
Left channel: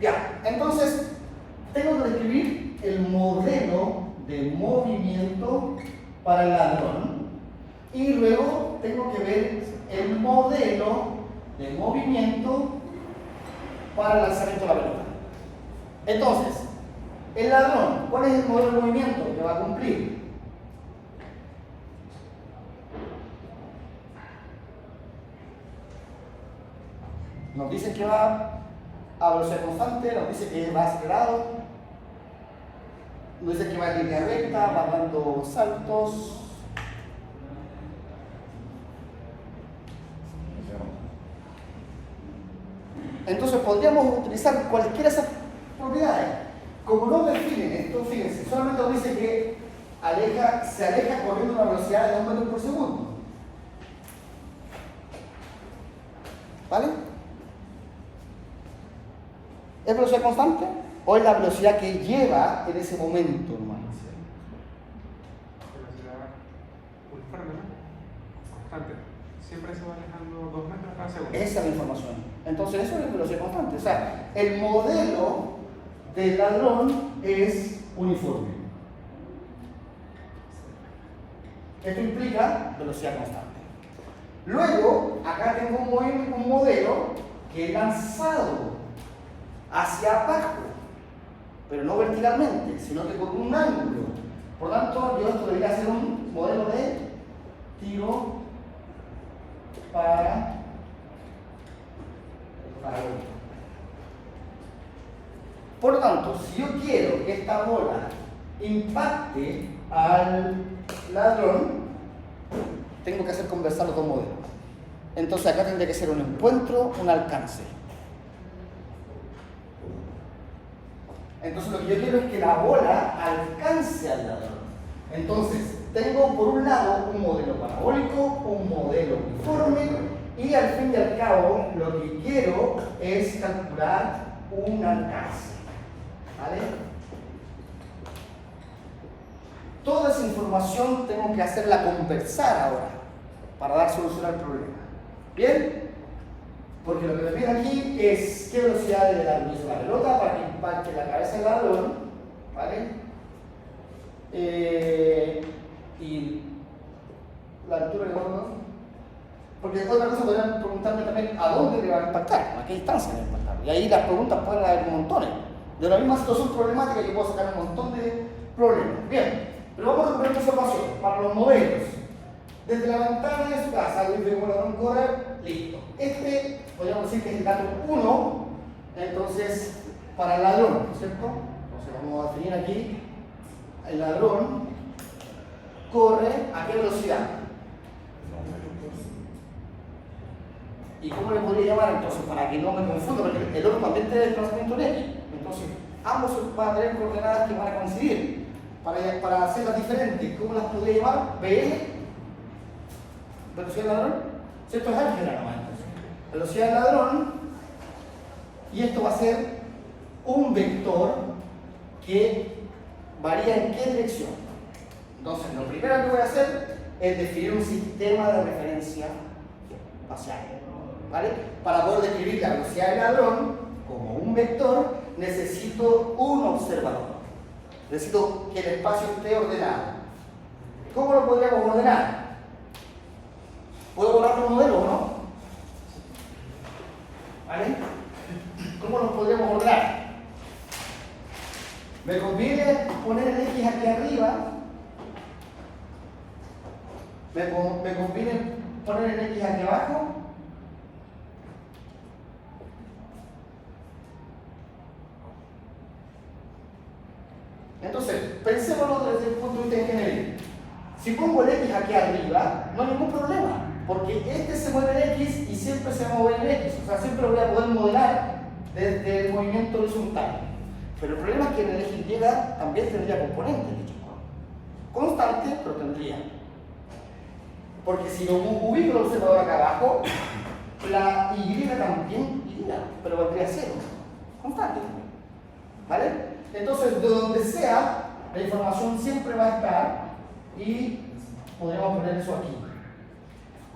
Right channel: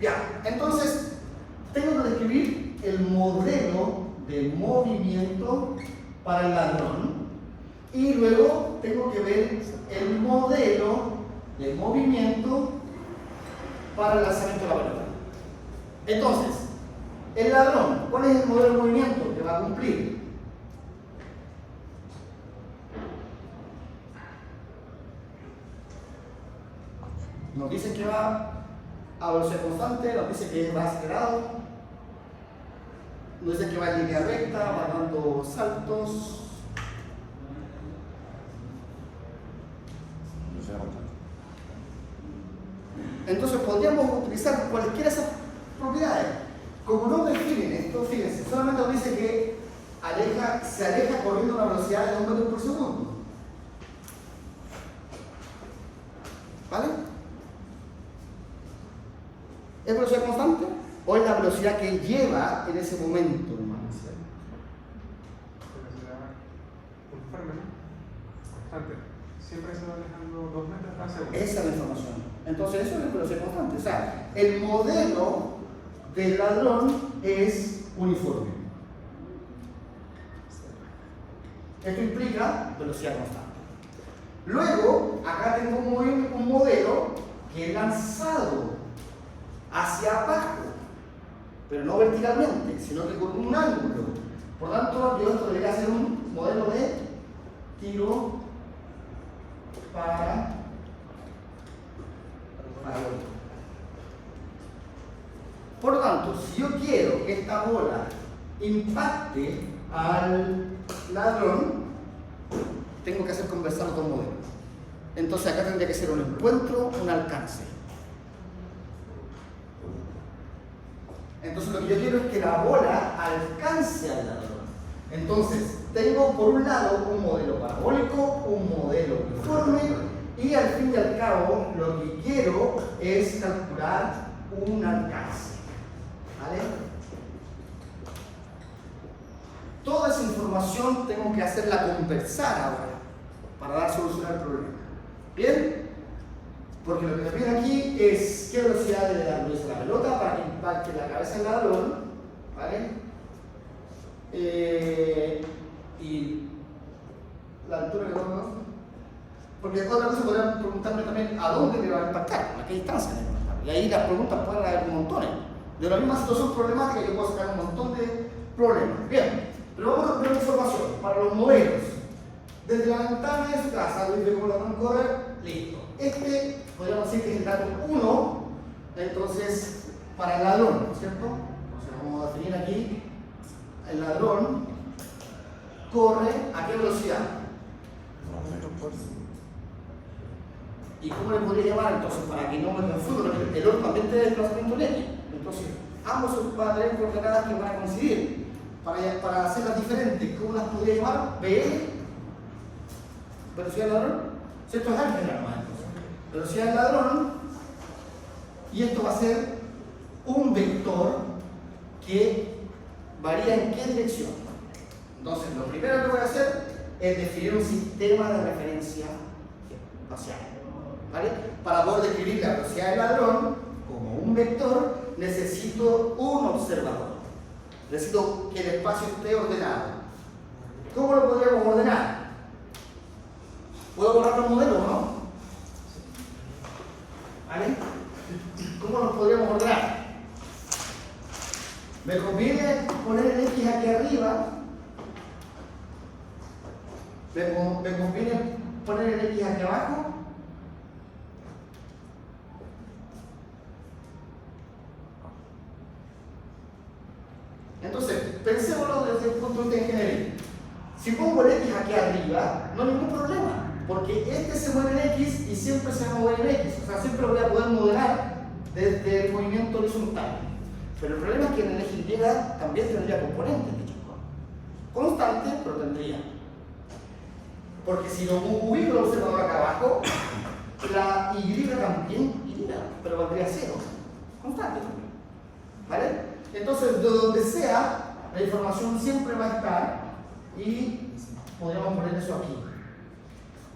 Ya, entonces tengo que describir el modelo de movimiento para el ladrón y luego tengo que ver el modelo de movimiento para el lanzamiento de la pelota. Entonces, el ladrón, ¿cuál es el modelo de movimiento que va a cumplir? Nos dice que va a velocidad constante, nos dice que va acelerado, nos dice que va en línea recta, va dando saltos. Entonces podríamos utilizar cualquiera de esas propiedades. Como no definen esto, fíjense, solamente nos dice que se aleja corriendo a una velocidad de 2 metros por segundo. ¿Vale? ¿Es velocidad constante o es la velocidad que lleva en ese momento, hermano? Siempre se va alejando 2 metros cada segundo. Esa es la información. Entonces eso es velocidad constante. O sea, el modelo del ladrón es uniforme. Esto implica velocidad constante. Luego, acá tengo un modelo que he lanzado hacia abajo, pero no verticalmente, sino que con un ángulo. Por lo tanto, yo esto debería ser un modelo de tiro para Por lo tanto, si yo quiero que esta bola impacte al ladrón, tengo que hacer conversar los dos modelos. Entonces acá tendría que ser un encuentro, un alcance. Entonces lo que yo quiero es que la bola alcance al ladrón. Entonces tengo por un lado un modelo parabólico, un modelo uniforme, y al fin y al cabo lo que quiero es calcular un alcance. ¿Vale? Toda esa información tengo que hacerla conversar ahora para dar solución al problema. ¿Bien? Porque lo que me pide aquí es qué velocidad debe dar Luis a la pelota para que impacte la cabeza del ladrón. ¿Vale? Y la altura que vamos. Porque otra cosa podrían preguntarme también a dónde le va a impactar, a qué distancia le va a impactar. Y ahí las preguntas pueden haber montones. De la misma situación problemática yo puedo sacar un montón de problemas. Bien, pero vamos a poner información para los modelos. Desde la ventana de su casa, Luis ve cómo la van a correr, listo. Este, podríamos decir que es el dato 1, entonces, para el ladrón, ¿cierto? Entonces vamos a definir aquí, el ladrón corre a qué velocidad. ¿Y cómo le podría llamar entonces? Para que no me confunda, porque el otro también tiene desplazamiento en X. Entonces, ambos van a tener coordenadas que van a coincidir. Para hacerlas diferentes, ¿cómo las podría llamar? BL, velocidad del ladrón. Si esto es álgebra nomás, entonces. Velocidad del ladrón, y esto va a ser un vector que varía en qué dirección. Entonces, lo primero que voy a hacer es definir un sistema de referencia espacial. ¿Vale? Para poder describir la velocidad del ladrón como un vector, necesito un observador. Necesito que el espacio esté ordenado. ¿Cómo lo podríamos ordenar? ¿Puedo borrar un modelo o no? ¿Vale? ¿Cómo lo podríamos ordenar? Me conviene poner el X aquí arriba. Me conviene poner el X aquí abajo. Entonces, pensémoslo desde el punto de vista ingenieril. Si pongo el X aquí arriba, no hay ningún problema, porque este se mueve en X y siempre se va a mover en X. O sea, siempre lo voy a poder modelar desde el movimiento horizontal. Pero el problema es que en el eje Y también tendría componentes, de hecho. Constantes, pero tendría. Porque si lo ubico el observador acá abajo, la Y también iría, pero valdría 0. Constante. ¿Vale? Entonces, de donde sea, la información siempre va a estar y podríamos poner eso aquí.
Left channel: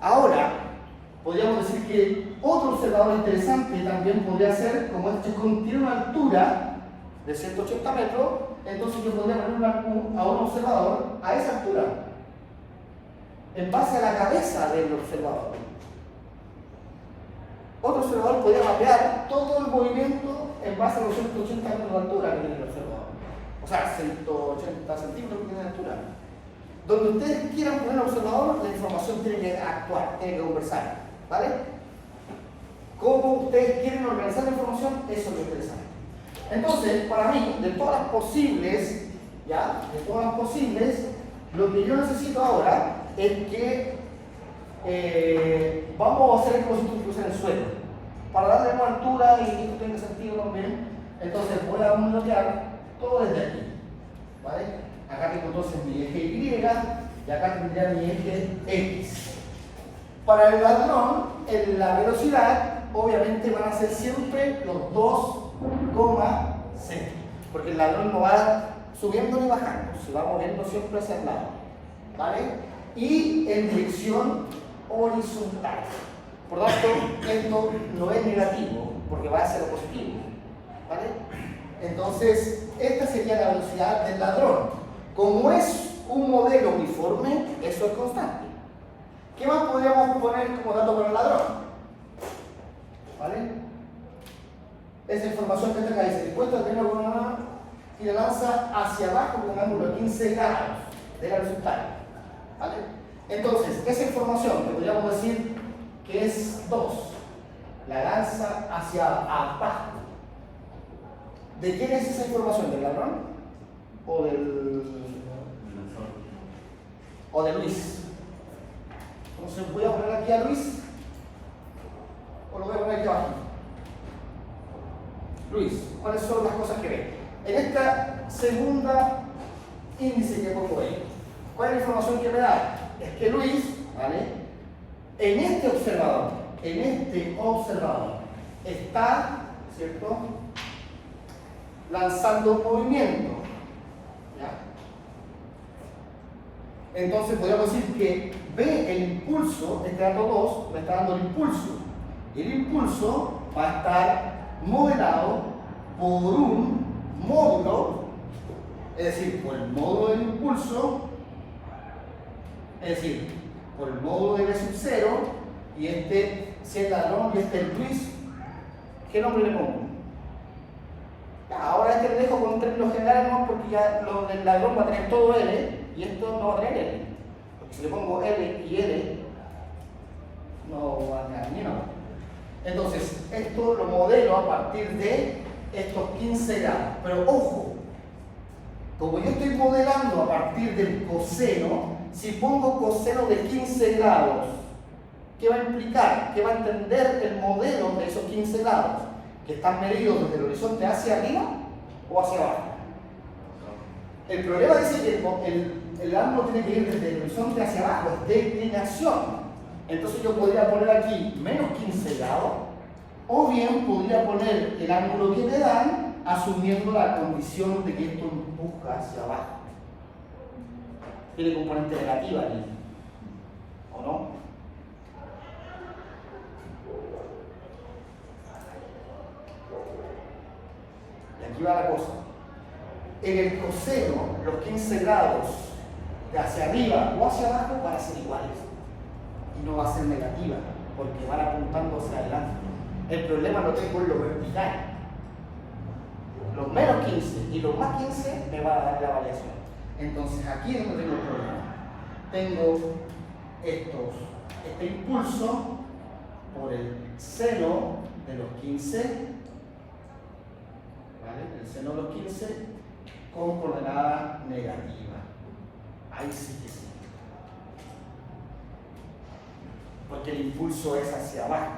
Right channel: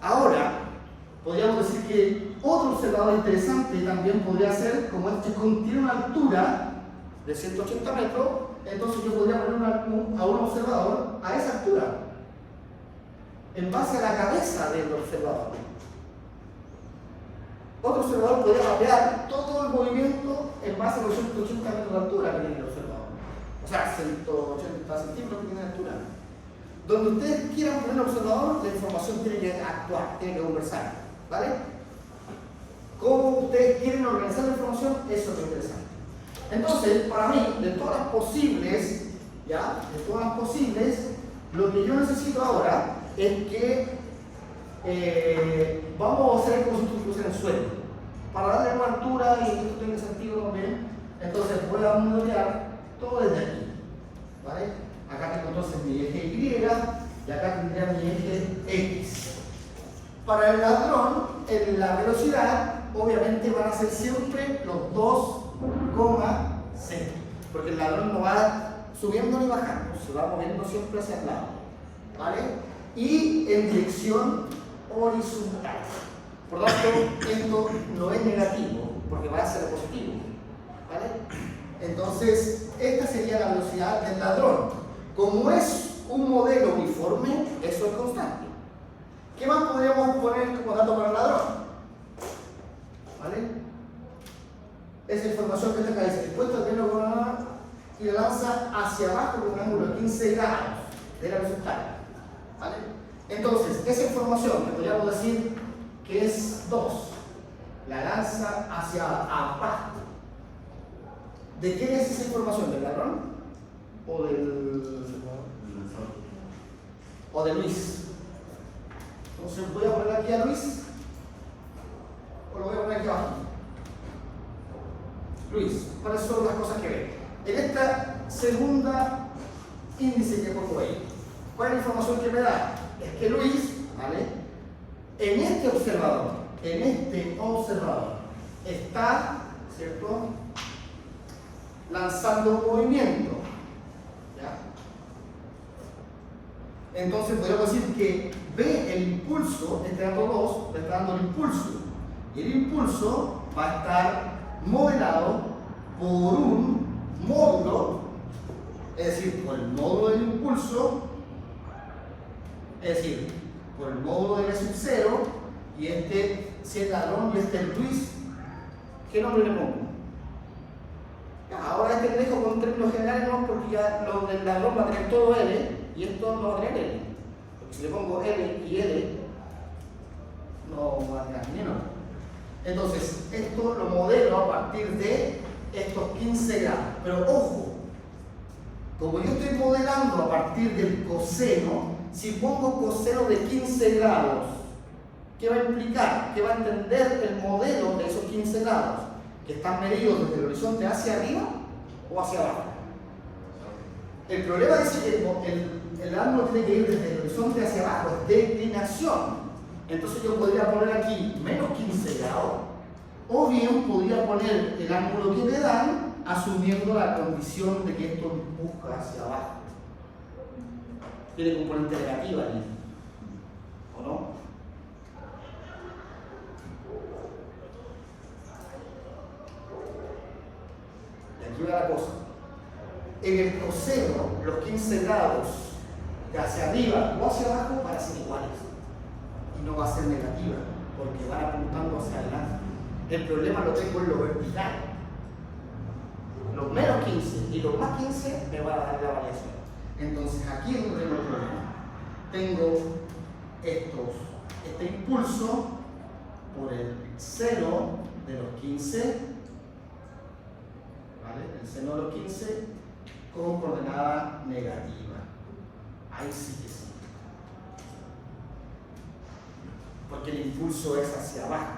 Ahora, podríamos decir que otro observador interesante también podría ser, como este tiene una altura de 180 metros, entonces yo podría poner a un observador a esa altura, en base a la cabeza del observador. Otro observador podría mapear todo el movimiento en base a los 180 metros de altura que tiene el observador. O sea, 180 centímetros que tiene de altura. Donde ustedes quieran poner el observador, la información tiene que actuar, tiene que conversar. ¿Vale? Cómo ustedes quieren organizar la información, eso es lo interesante. Entonces, para mí, de todas las posibles, ¿ya? De todas las posibles, lo que yo necesito ahora es que vamos a hacer el concepto incluso en el suelo. Para darle una altura y que esto tenga sentido también, entonces voy a modelar todo desde aquí. ¿Vale? Acá tengo entonces mi eje Y y acá tendría mi eje X. Para el ladrón, en la velocidad, obviamente van a ser siempre los 2,6. Porque el ladrón no va subiendo ni bajando, se va moviendo siempre hacia el lado. ¿Vale? Y en dirección horizontal. Por lo tanto, esto no es negativo, porque va a ser positivo. ¿Vale? Entonces, esta sería la velocidad del ladrón. Como es un modelo uniforme, eso es constante. ¿Qué más podríamos poner como dato para el ladrón? ¿Vale? Esa información que está acá dice: encuentra el tren con una mano y la lanza hacia abajo con un ángulo de 15 grados de la horizontal. ¿Vale? Entonces, esa información que podríamos decir que es 2, la lanza hacia abajo. ¿De quién es esa información? ¿Del ladrón? ¿O de Luis? Entonces voy a poner aquí a Luis, o lo voy a poner aquí abajo. Luis, ¿cuáles son las cosas que ve? En esta segunda índice que pongo ahí, ¿cuál es la información que me da? Es que Luis, ¿vale? En este observador está, ¿cierto?, lanzando un movimiento. ¿Ya? Entonces podríamos decir que ve el impulso, este dato 2, le está dando el impulso. Y el impulso va a estar modelado por un módulo, es decir, por el módulo del impulso, es decir, por el módulo de L sub 0, y este, si es ladrón y este es Luis, ¿qué nombre le pongo? Ya, ahora este le dejo con términos generales, ¿no? Porque ya lo del ladrón va a tener todo L, y esto no va a tener L. Porque si le pongo L y L, no va a tener ni nada. Entonces, esto lo modelo a partir de estos 15 grados. Pero ojo, como yo estoy modelando a partir del coseno, si pongo coseno de 15 grados, ¿qué va a implicar? ¿Qué va a entender el modelo de esos 15 grados? ¿Que están medidos desde el horizonte hacia arriba o hacia abajo? El problema dice que el ángulo tiene que ir desde el horizonte hacia abajo, es declinación. Entonces yo podría poner aquí menos 15 grados, o bien podría poner el ángulo que me dan asumiendo la condición de que esto empuja hacia abajo. Tiene componente negativa aquí, ¿o no? Y aquí va la cosa. En el coseno, los 15 grados de hacia arriba o hacia abajo van a ser iguales. Y no va a ser negativa, porque van apuntando hacia adelante. El problema lo tengo en lo vertical. Los menos 15 y los más 15 me van a dar la variación. Entonces aquí es donde tengo el problema. Tengo este impulso por el seno de los 15, ¿vale? El seno de los 15 con coordenada negativa. Ahí sí que sí. Porque el impulso es hacia abajo,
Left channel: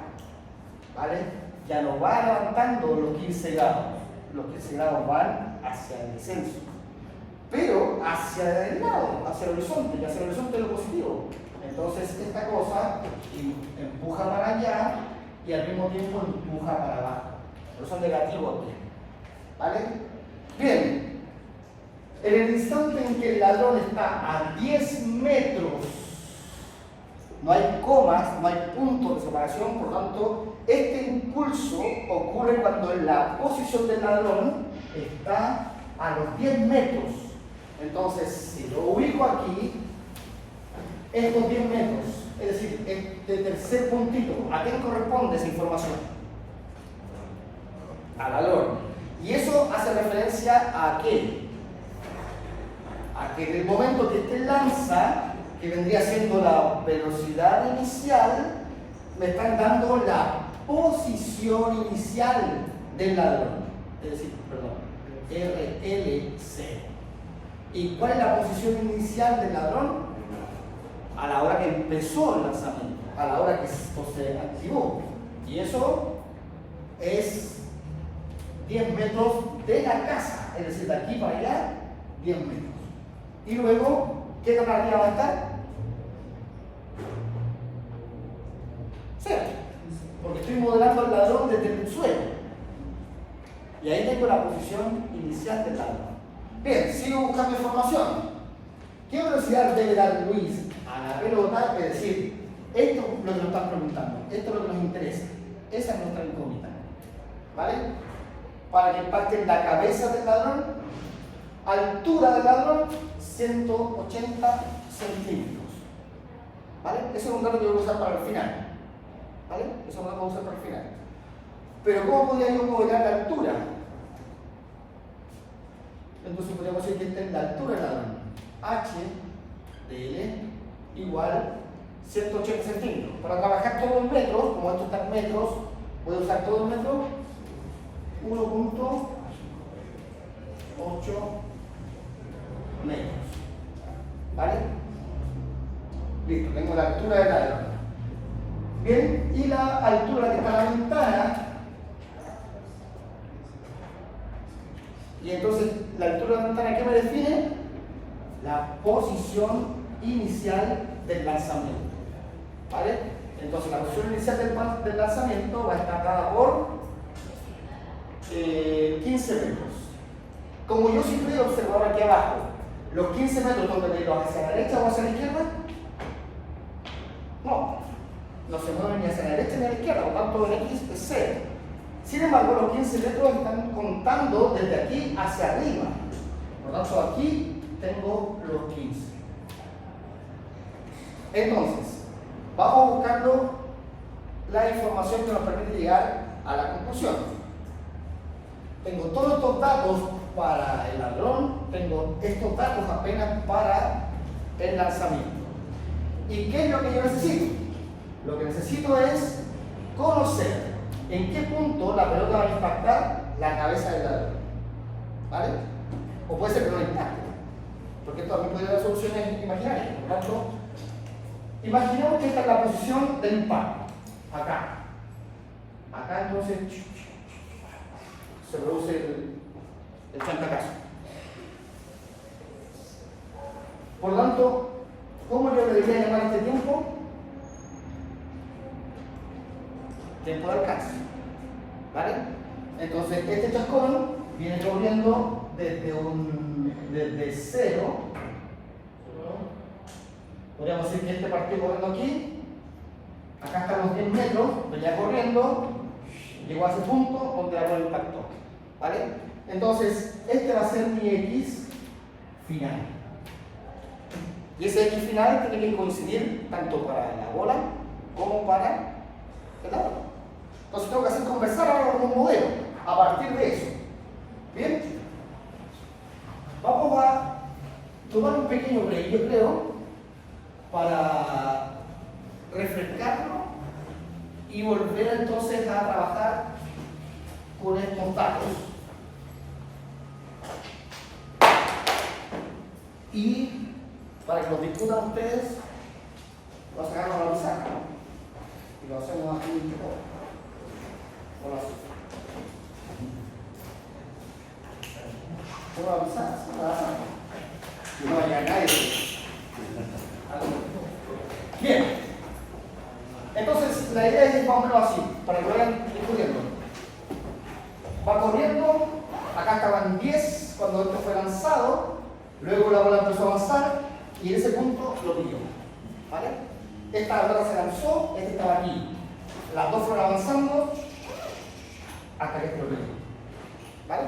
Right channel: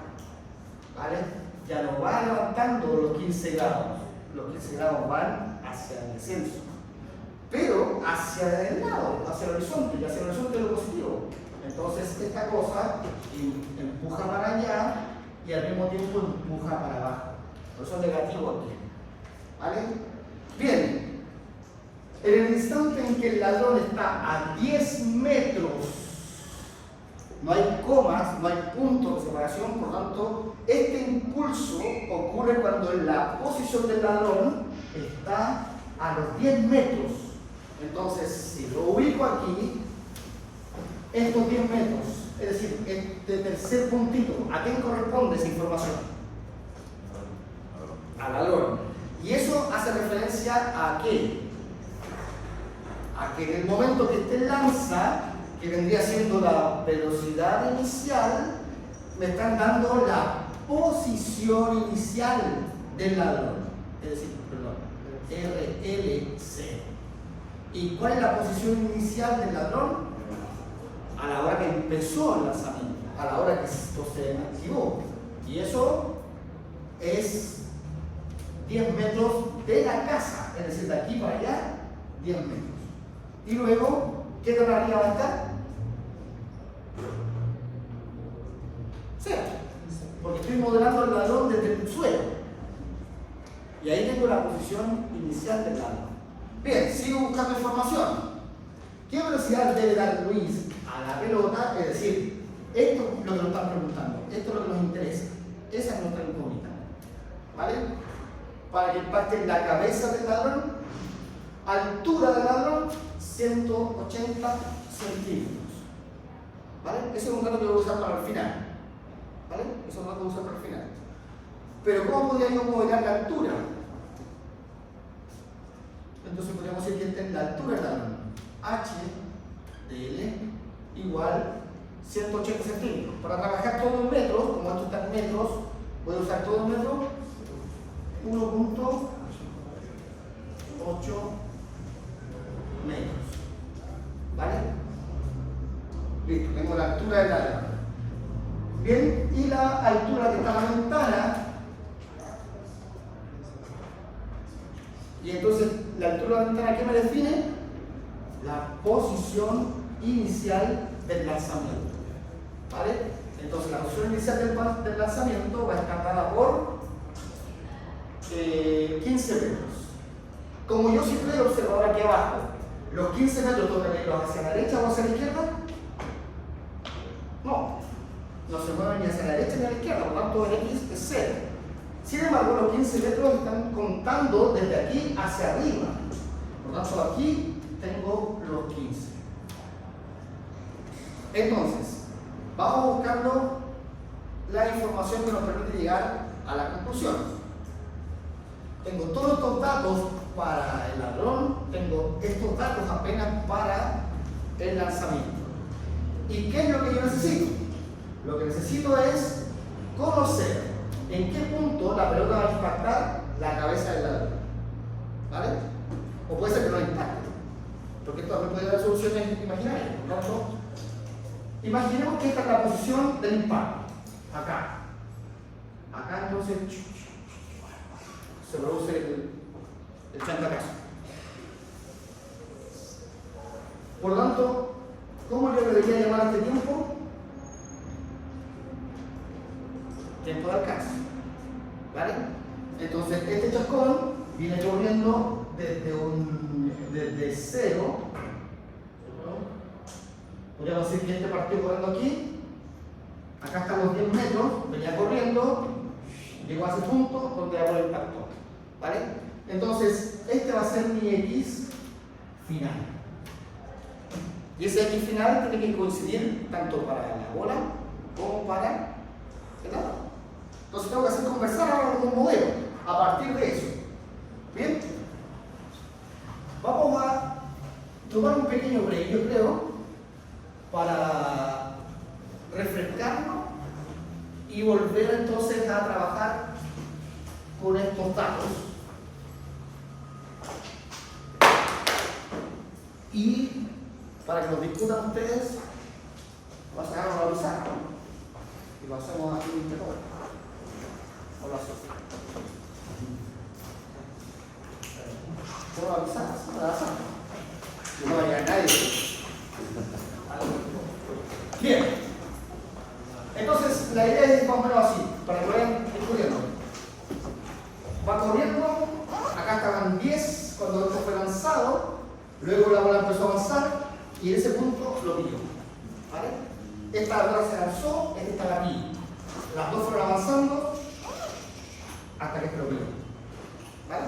¿vale? Ya no va levantando los 15 grados. Los 15 grados van hacia el descenso, pero hacia el lado, hacia el horizonte, y hacia el horizonte es lo positivo. Entonces esta cosa empuja para allá y al mismo tiempo empuja para abajo. Por eso es negativo aquí, ¿vale? Bien, en el instante en que el ladrón está a 10 metros, no hay comas, no hay puntos de separación, por lo tanto, este impulso ocurre cuando la posición del ladrón está a los 10 metros. Entonces, si lo ubico aquí, estos 10 metros, es decir, este tercer puntito, ¿a quién corresponde esa información? Al ladrón. Y eso hace referencia a qué? A que en el momento que este lanza, que vendría siendo la velocidad inicial, me están dando la posición inicial del ladrón, es decir, perdón, RL0. ¿Y cuál es la posición inicial del ladrón? A la hora que empezó el lanzamiento, a la hora que se activó. Y eso es 10 metros de la casa, es decir, de aquí para allá, 10 metros. Y luego, ¿qué tan arriba va a estar? Cero, porque estoy modelando el ladrón desde el suelo. Y ahí tengo la posición inicial del ladrón. Bien, sigo buscando información. ¿Qué velocidad debe dar Luis a la pelota? Es decir, esto es lo que nos están preguntando, esto es lo que nos interesa. Esa es nuestra incógnita, ¿vale? Para que impacte en la cabeza del ladrón, altura del ladrón, 180 centímetros. ¿Vale? Ese es un dato que voy a usar para el final. ¿Vale? Eso es un dato que voy a usar para el final. Pero ¿cómo podría yo modelar la altura? Entonces podríamos decir que esta es la altura del ladrón. H de L igual 180 centímetros. Para trabajar todo en metros, como esto está en metros, voy a usar todo en metros, 1.8 metros. ¿Vale? Listo, tengo la altura del ladrón. Bien, y la altura que está en la ventana. Y entonces, la altura de la ventana, ¿qué me define? La posición inicial del lanzamiento. ¿Vale? Entonces, la posición inicial del lanzamiento va a estar dada por 15 metros. Como yo siempre he observado aquí abajo, los 15 metros donde me los hacia la derecha o hacia la izquierda, no se mueven ni hacia la derecha ni a la izquierda, por lo tanto el X es 0. Sin embargo, los 15 metros están contando desde aquí hacia arriba. Por lo tanto, aquí tengo los 15. Entonces, vamos buscando la información que nos permite llegar a la conclusión. Tengo todos estos datos para el ladrón, tengo estos datos apenas para el lanzamiento. ¿Y qué es lo que yo necesito? Lo que necesito es conocer en qué punto la pelota va a impactar la cabeza del ladrón. ¿Vale? O puede ser que no impacte, porque esto también puede dar soluciones imaginarias. Por lo tanto, imaginemos que esta es la posición del impacto. Acá. Acá entonces se produce el chantacazo. Por lo tanto, ¿cómo yo debería llamar a este tiempo? Tiempo de alcance. ¿Vale? Entonces, este chascón viene corriendo desde cero. Podríamos decir que este partió corriendo aquí. Acá están los 10 metros, venía corriendo, llegó a ese punto donde la bola impactó. ¿Vale? Entonces, este va a ser mi X final. Y ese X final tiene que coincidir tanto para la bola como para el lado. Entonces tengo que hacer conversar ahora con un modelo a partir de eso. Bien, vamos a tomar un pequeño break, yo creo, para refrescarnos y volver entonces a trabajar con estos datos. Y para que los discutan ustedes, voy a sacarnos la pizarra y lo hacemos aquí en Teco. O lo hacemos. Tengo la pizarra, no la hacemos. No va a llegar nadie. Bien. Entonces, la idea es más o menos así, para que lo vayan discutiendo. Va corriendo, acá estaban 10 cuando esto fue lanzado, luego la bola empezó a avanzar y en ese punto lo pilló. ¿Vale? Esta bola se lanzó, este estaba aquí. Las dos fueron avanzando hasta que este lo pilló. ¿Vale?